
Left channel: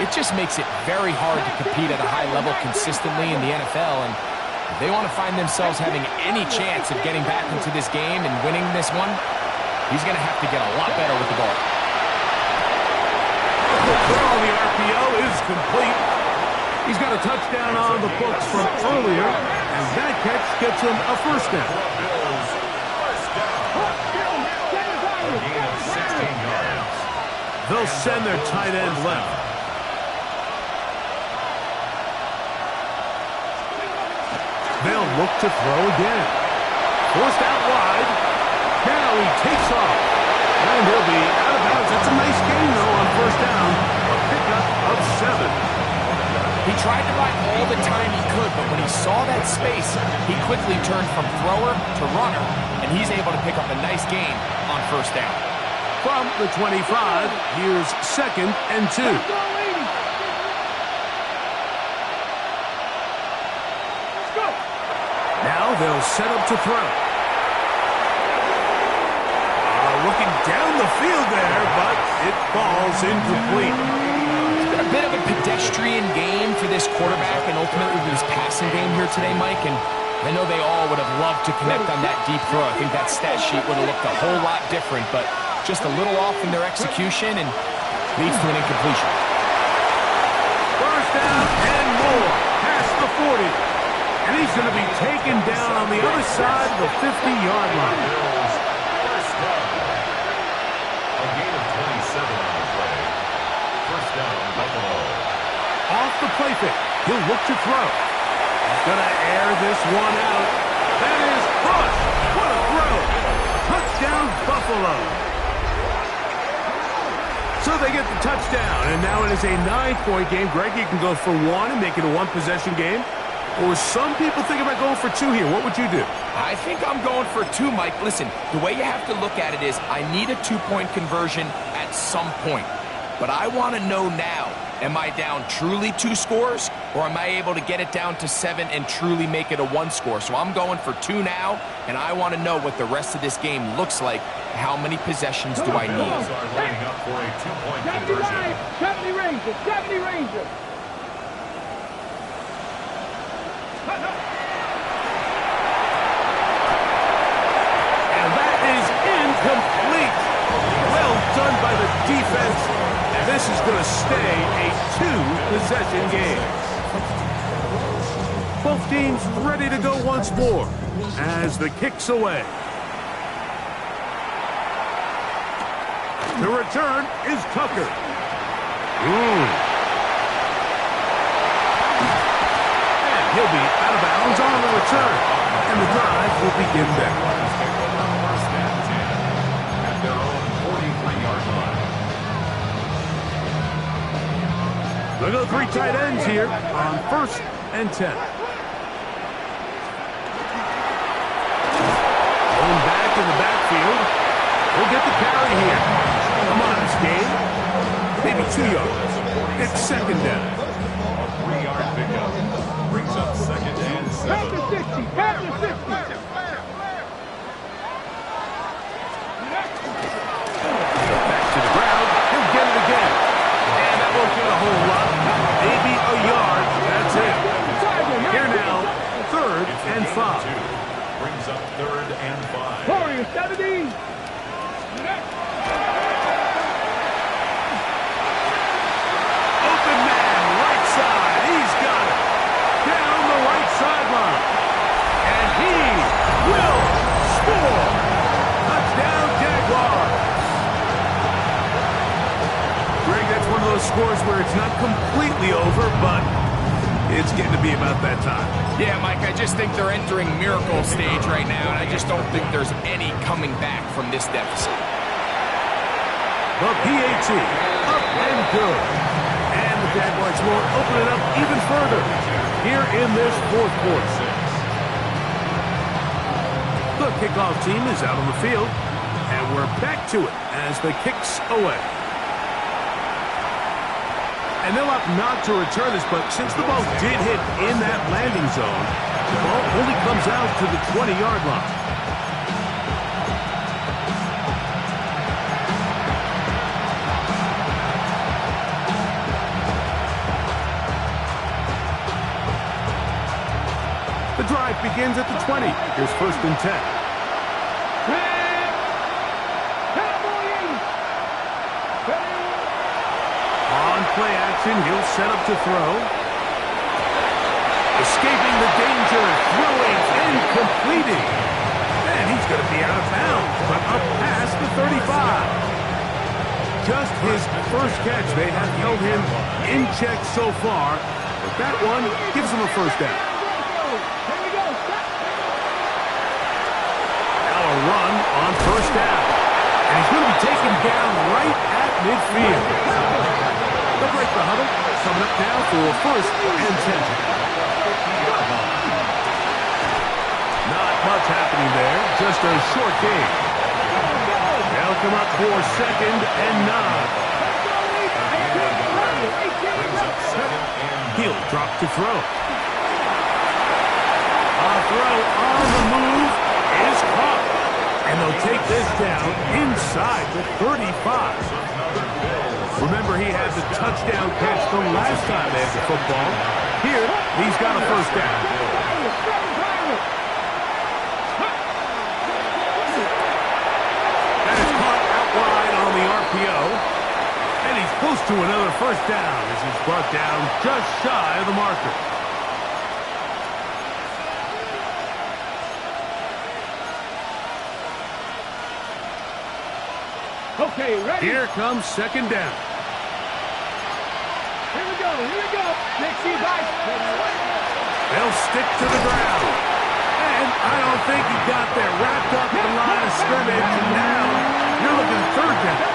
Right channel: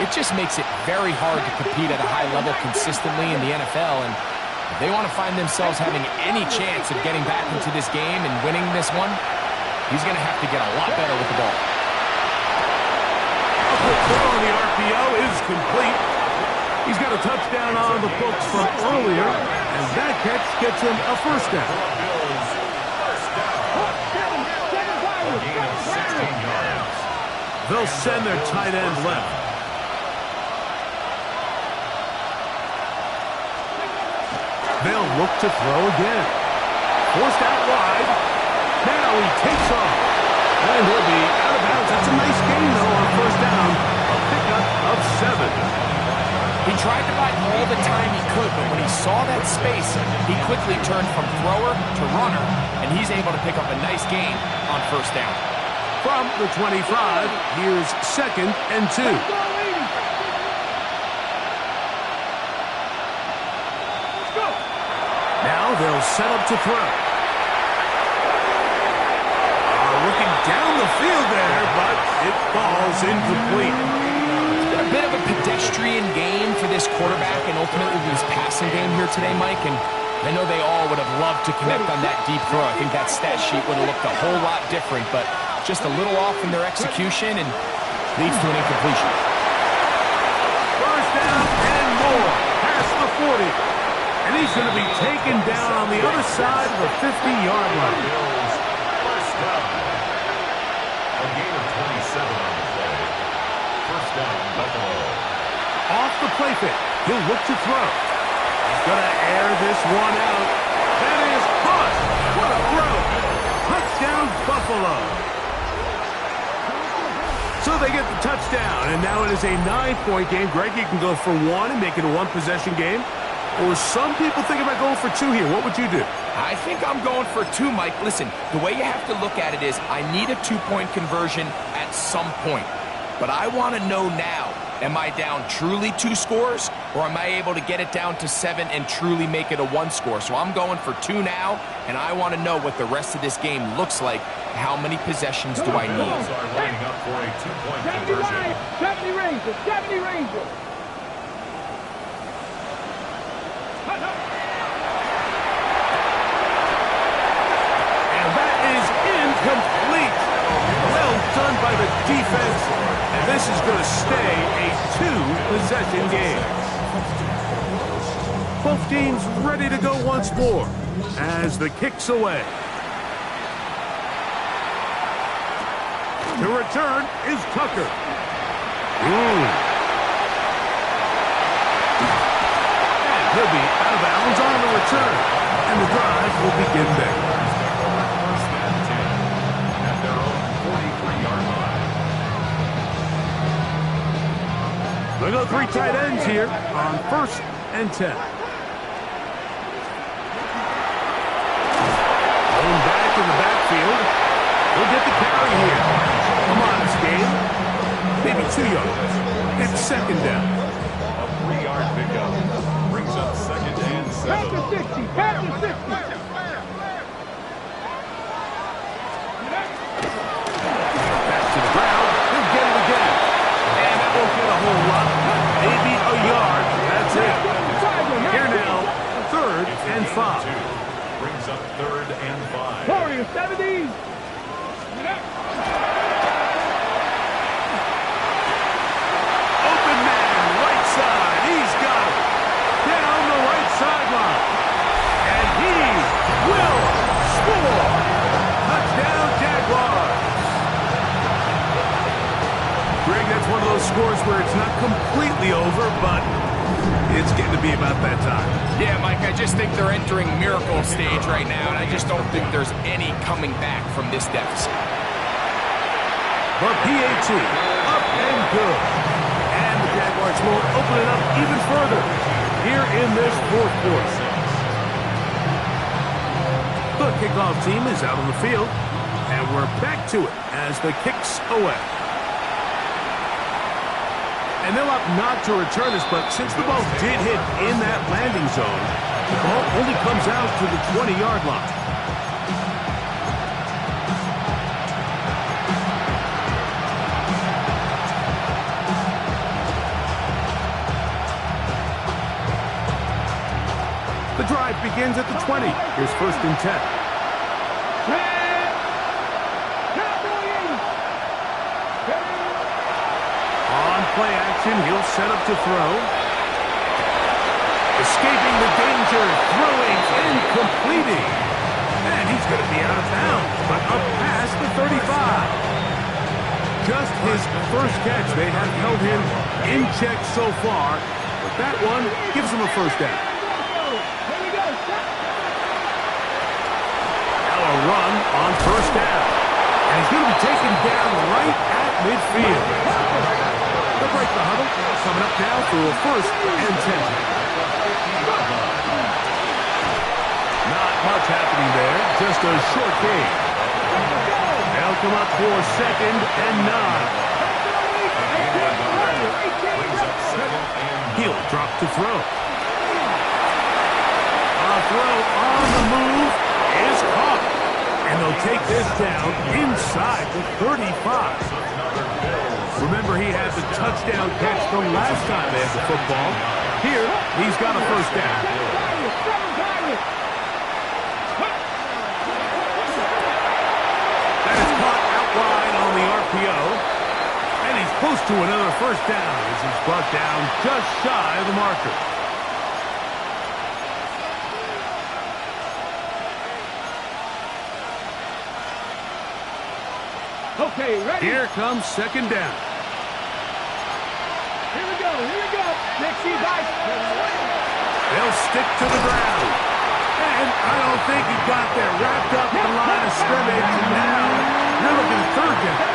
it just makes it very hard to compete at a high level consistently in the NFL. And if they want to find themselves having any chance of getting back into this game and winning this one, he's going to have to get a lot better with the ball. A quick throw on the RPO is complete. He's got a touchdown on the books from earlier, and that catch gets him a first down. A gain of 16 yards. They'll send their tight end left. They'll look to throw again. Forced out wide. Now he takes off. And he'll be out of bounds. That's a nice gain, though, on first down. A pickup of 7. He tried to buy all the time he could, but when he saw that space, he quickly turned from thrower to runner, and he's able to pick up a nice gain on first down. From the 25, here's second and 2. Now they'll set up to throw. Looking down the field there, but it falls incomplete. It's been a bit of a pedestrian game for this quarterback and ultimately this passing game here today, Mike. And I know they all would have loved to connect on that deep throw. I think that stat sheet would have looked a whole lot different, but just a little off in their execution and leads to an incompletion. First down and more, past the 40. And he's going to be taken down on the other side of the 50-yard line. First down. A gain of 27 on the play. First down, Buffalo. Off the play fake. He'll look to throw. He's going to air this one out. That is Bush. What a throw. Touchdown. Touchdown, Buffalo. So they get the touchdown, and now it is a 9-point game. Greg, you can go for one and make it a one-possession game. Or some people think about going for two here. What would you do? I think I'm going for two, Mike. Listen, the way you have to look at it is I need a two-point conversion at some point. But I want to know now, am I down truly 2 scores, or am I able to get it down to 7 and truly make it a 1 score? So I'm going for 2 now, and I want to know what the rest of this game looks like. How many possessions do I need? Bills are lining up for a 2-point conversion. 70 Rangers, 70 Rangers. And that is incomplete. Well done by the defense. And this is going to stay a 2-possession game. Both teams ready to go once more as the kick's away. The return is Tucker. And he'll be out of bounds on the return. And the drive will begin there. Take over 1st and 10 at their own 43-yard line. They'll go 3 tight ends here on 1st and 10. Going back in the backfield. We'll get the carry here. Come on, this game. Maybe 2 yards. It's 2nd down. A 3-yard pickup brings up 2nd and 7. Pass to 60, pass to 60. Back to the ground. He'll get it again. And that won't get a whole lot. Maybe a yard. That's it. Here now, 3rd and 5. Brings up 3rd and 5. Warriors, 70. Open man, right side. He's got it. Down the right sideline. And he will score. Touchdown, Jaguars. Greg, that's one of those scores where it's not completely over, but it's getting to be about that time. Yeah, Mike, I just think they're entering miracle stage right now, and I just don't think there's any coming back from this deficit. The PAT, up and good. And the Jaguars will open it up even further here in this 4th quarter. The kickoff team is out on the field, and we're back to it as the kick's away. And they'll opt not to return this, but since the ball did hit in that landing zone, the ball only comes out to the 20-yard line. The drive begins at the 20. Here's 1st and 10. On play action, he'll set up to throw. Escaping the danger, throwing and completing. And he's going to be out of bounds, but up past the 35. Just his first catch. They have held him in check so far, but that one gives him a 1st down. Now a run on 1st down. And he's going to be taken down right at midfield. They'll break the huddle. Coming up now for a 1st and 10. Not much happening there. Just a short gain. They'll come up for 2nd and 9. He'll drop to throw. A throw on the move is caught. And they'll take this down inside the 35. Remember, he had the touchdown catch the last time they had the football. Here, he's got a 1st down. That is caught out wide on the RPO. And he's close to another 1st down as he's brought down just shy of the marker. Okay, ready? Here comes 2nd down. Here we go, here we go. Dixie, guys. They'll stick to the ground. And I don't think he got there. Wrapped up at the line of scrimmage, and now you're looking at third down.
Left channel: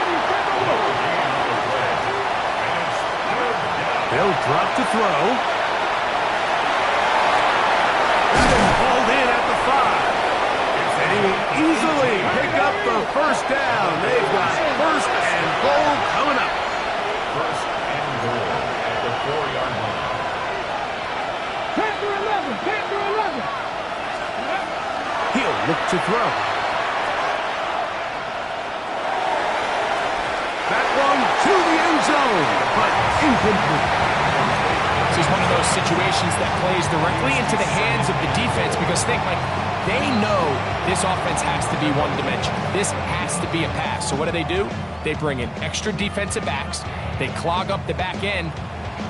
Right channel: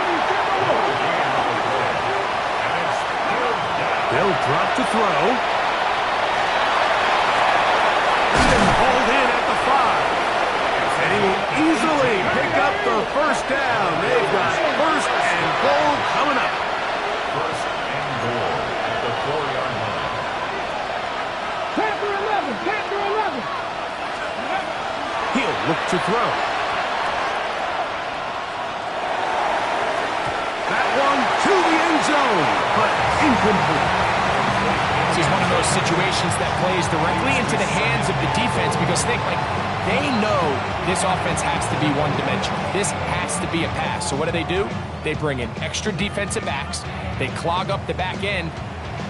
They'll drop to throw. And then hauled in at the 5. And he easily pick up the first down. They've got first and goal coming up. First and goal at the 4-yard line. Panther 11, Panther 11. He'll look to throw. That one to the end zone, but incomplete. This is one of those situations that plays directly into the hands of the defense because think, like, they know this offense has to be one-dimensional. This has to be a pass. So what do? They bring in extra defensive backs. They clog up the back end.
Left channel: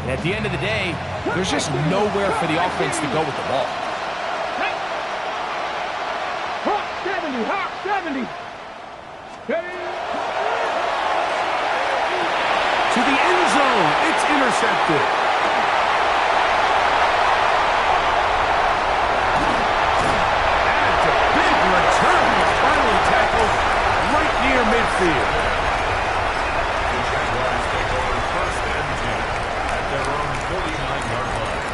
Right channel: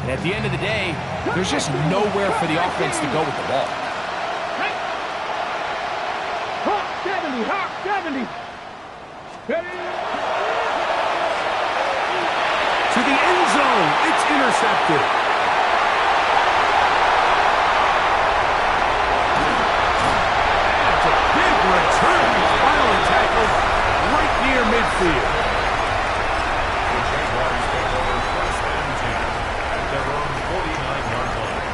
And at the end of the day, there's just nowhere for the offense to go with the ball. Hawk 70, Hawk 70. To the end zone, it's intercepted. That's a big return. Finally tackled right near midfield. The Jaguars take over first and 10 at their own 49-yard line.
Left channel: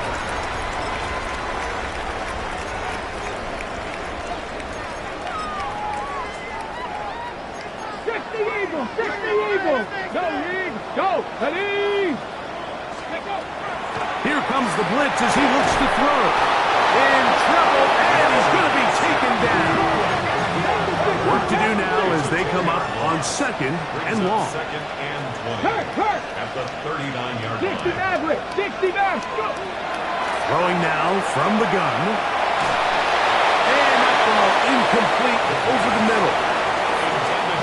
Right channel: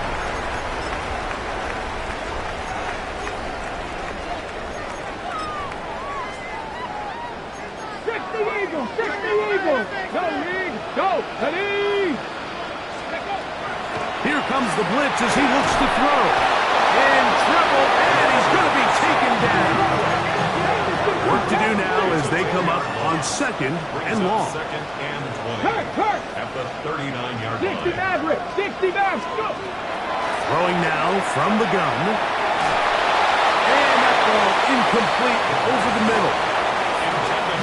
Eagle, 60 Eagle. Go, League. Go, League. Here comes the blitz as he looks to throw. In trouble, and he's going to be taken down. Work to do now as they come up on second and long. Second and 20 at the 39-yard line. 60 Maverick, 60 Maverick. Go. Throwing now from the gun. And that ball incomplete over the middle.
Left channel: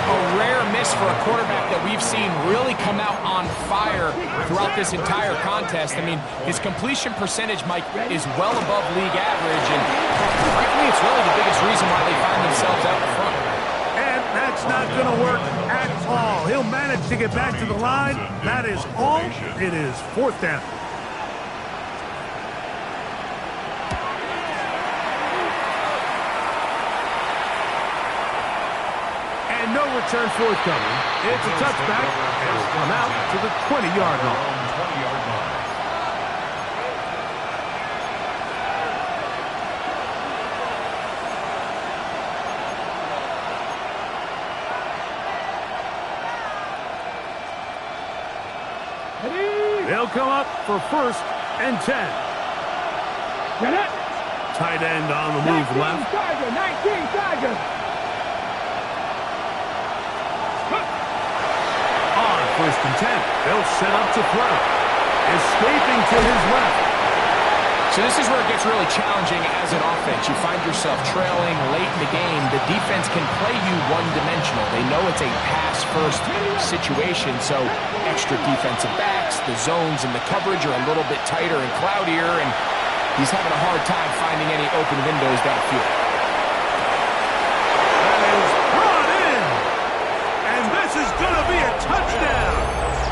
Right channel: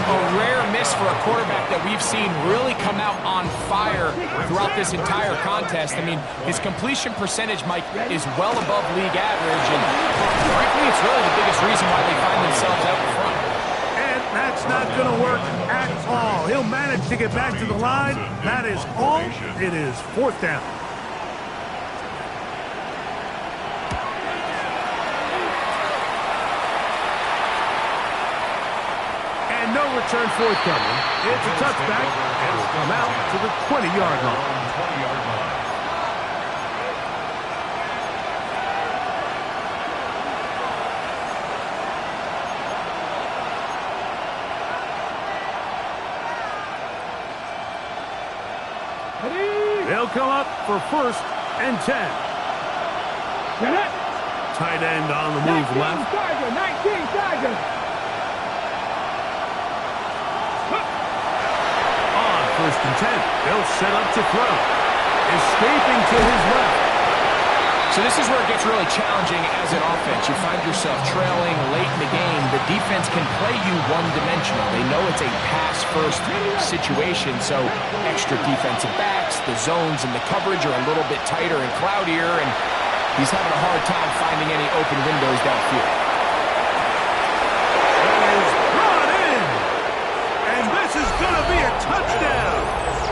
A rare miss for a quarterback that we've seen really come out on fire throughout this entire contest. I mean, his completion percentage, Mike, is well above league average, and frankly, it's really the biggest reason why they find themselves out in front. And that's not going to work at all. He'll manage to get back to the line. That is all. It is fourth down. And no return forthcoming. It's a touchback, and will come out to the 20-yard line. 20-yard line. They'll come up for first and 10. Get it. Tight end on the move left. Tiger, 19 Tiger. On first and 10, they'll set up to throw. Escaping to his left. So this is where it gets really challenging as an offense. You find yourself trailing late in the game. The defense can play you one-dimensional. They know it's a pass-first situation, so extra defensive backs, the zones and the coverage are a little bit tighter and cloudier, and he's having a hard time finding any open windows downfield. That is brought in. And this is going to be a touchdown.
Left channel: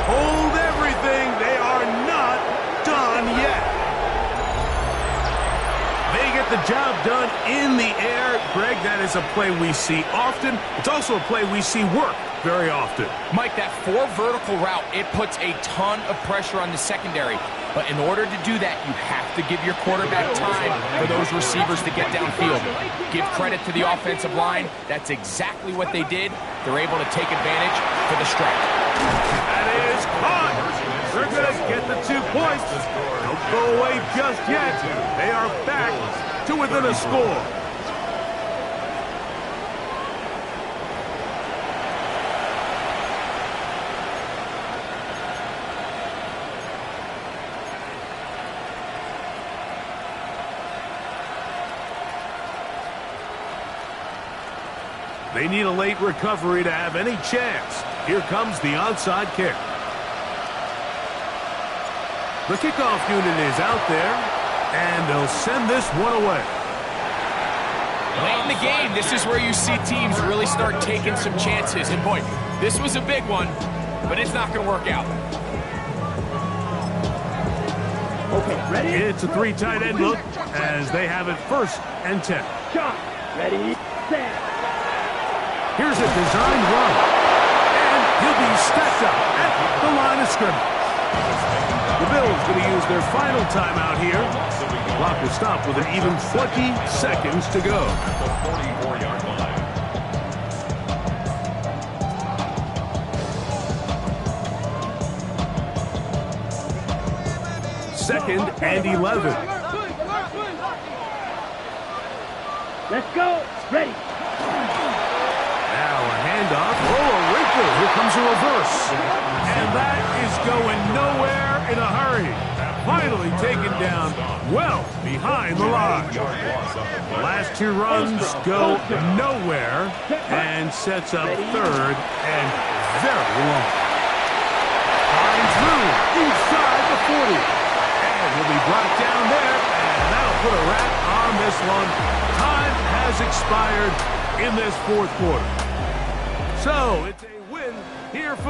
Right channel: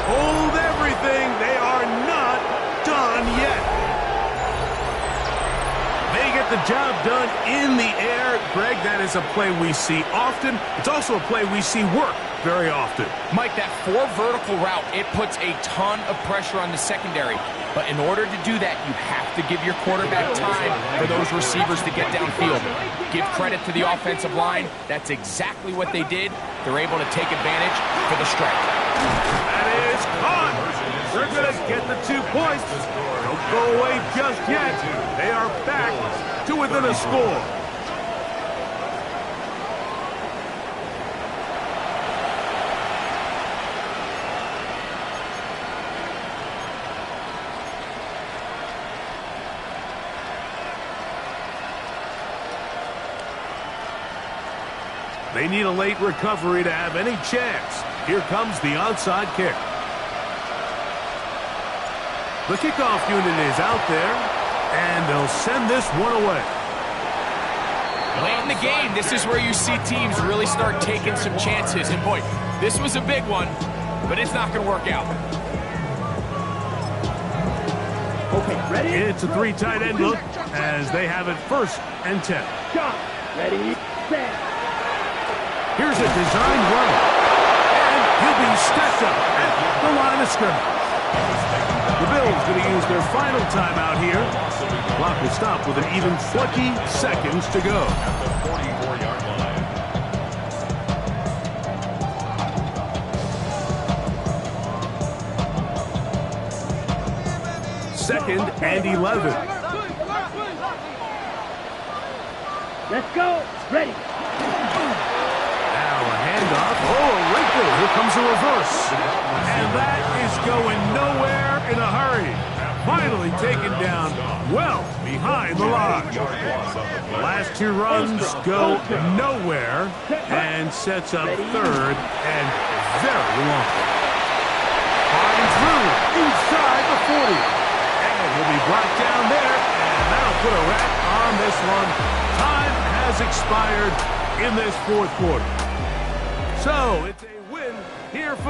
Hold everything. They are not done yet. They get the job done in the air. Greg, that is a play we see often. It's also a play we see work very often. Mike, that 4 vertical route, it puts a ton of pressure on the secondary. But in order to do that, you have to give your quarterback time for those receivers to get downfield. Give credit to the offensive line. That's exactly what they did. They're able to take advantage for the strike. That is caught. They're going to get the 2 points. Don't go away just yet. They are back to within a score. They need a late recovery to have any chance. Here comes the onside kick. The kickoff unit is out there, and they'll send this one away. Late in the game, this is where you see teams really start taking some chances. And boy, this was a big one, but it's not going to work out. Okay, ready? It's a 3 tight end look as they have it first and 10. Shot. Ready, set. Here's a designed run. And he'll be stacked up at the line of scrimmage. The Bills going to use their final timeout here. Clock will stop with an even 20 seconds to go. At the 44-yard line. Second and 11. Let's go. Ready. Now a handoff. Oh, a wrinkle. Here comes a reverse. And that is going nowhere in a hurry. Finally taken down well behind the line. The last two runs go nowhere and sets up third and very long. Flying through inside the 40. And he'll be brought down there, and that'll put a wrap on this one. Time has expired in this fourth quarter. So it's a win here for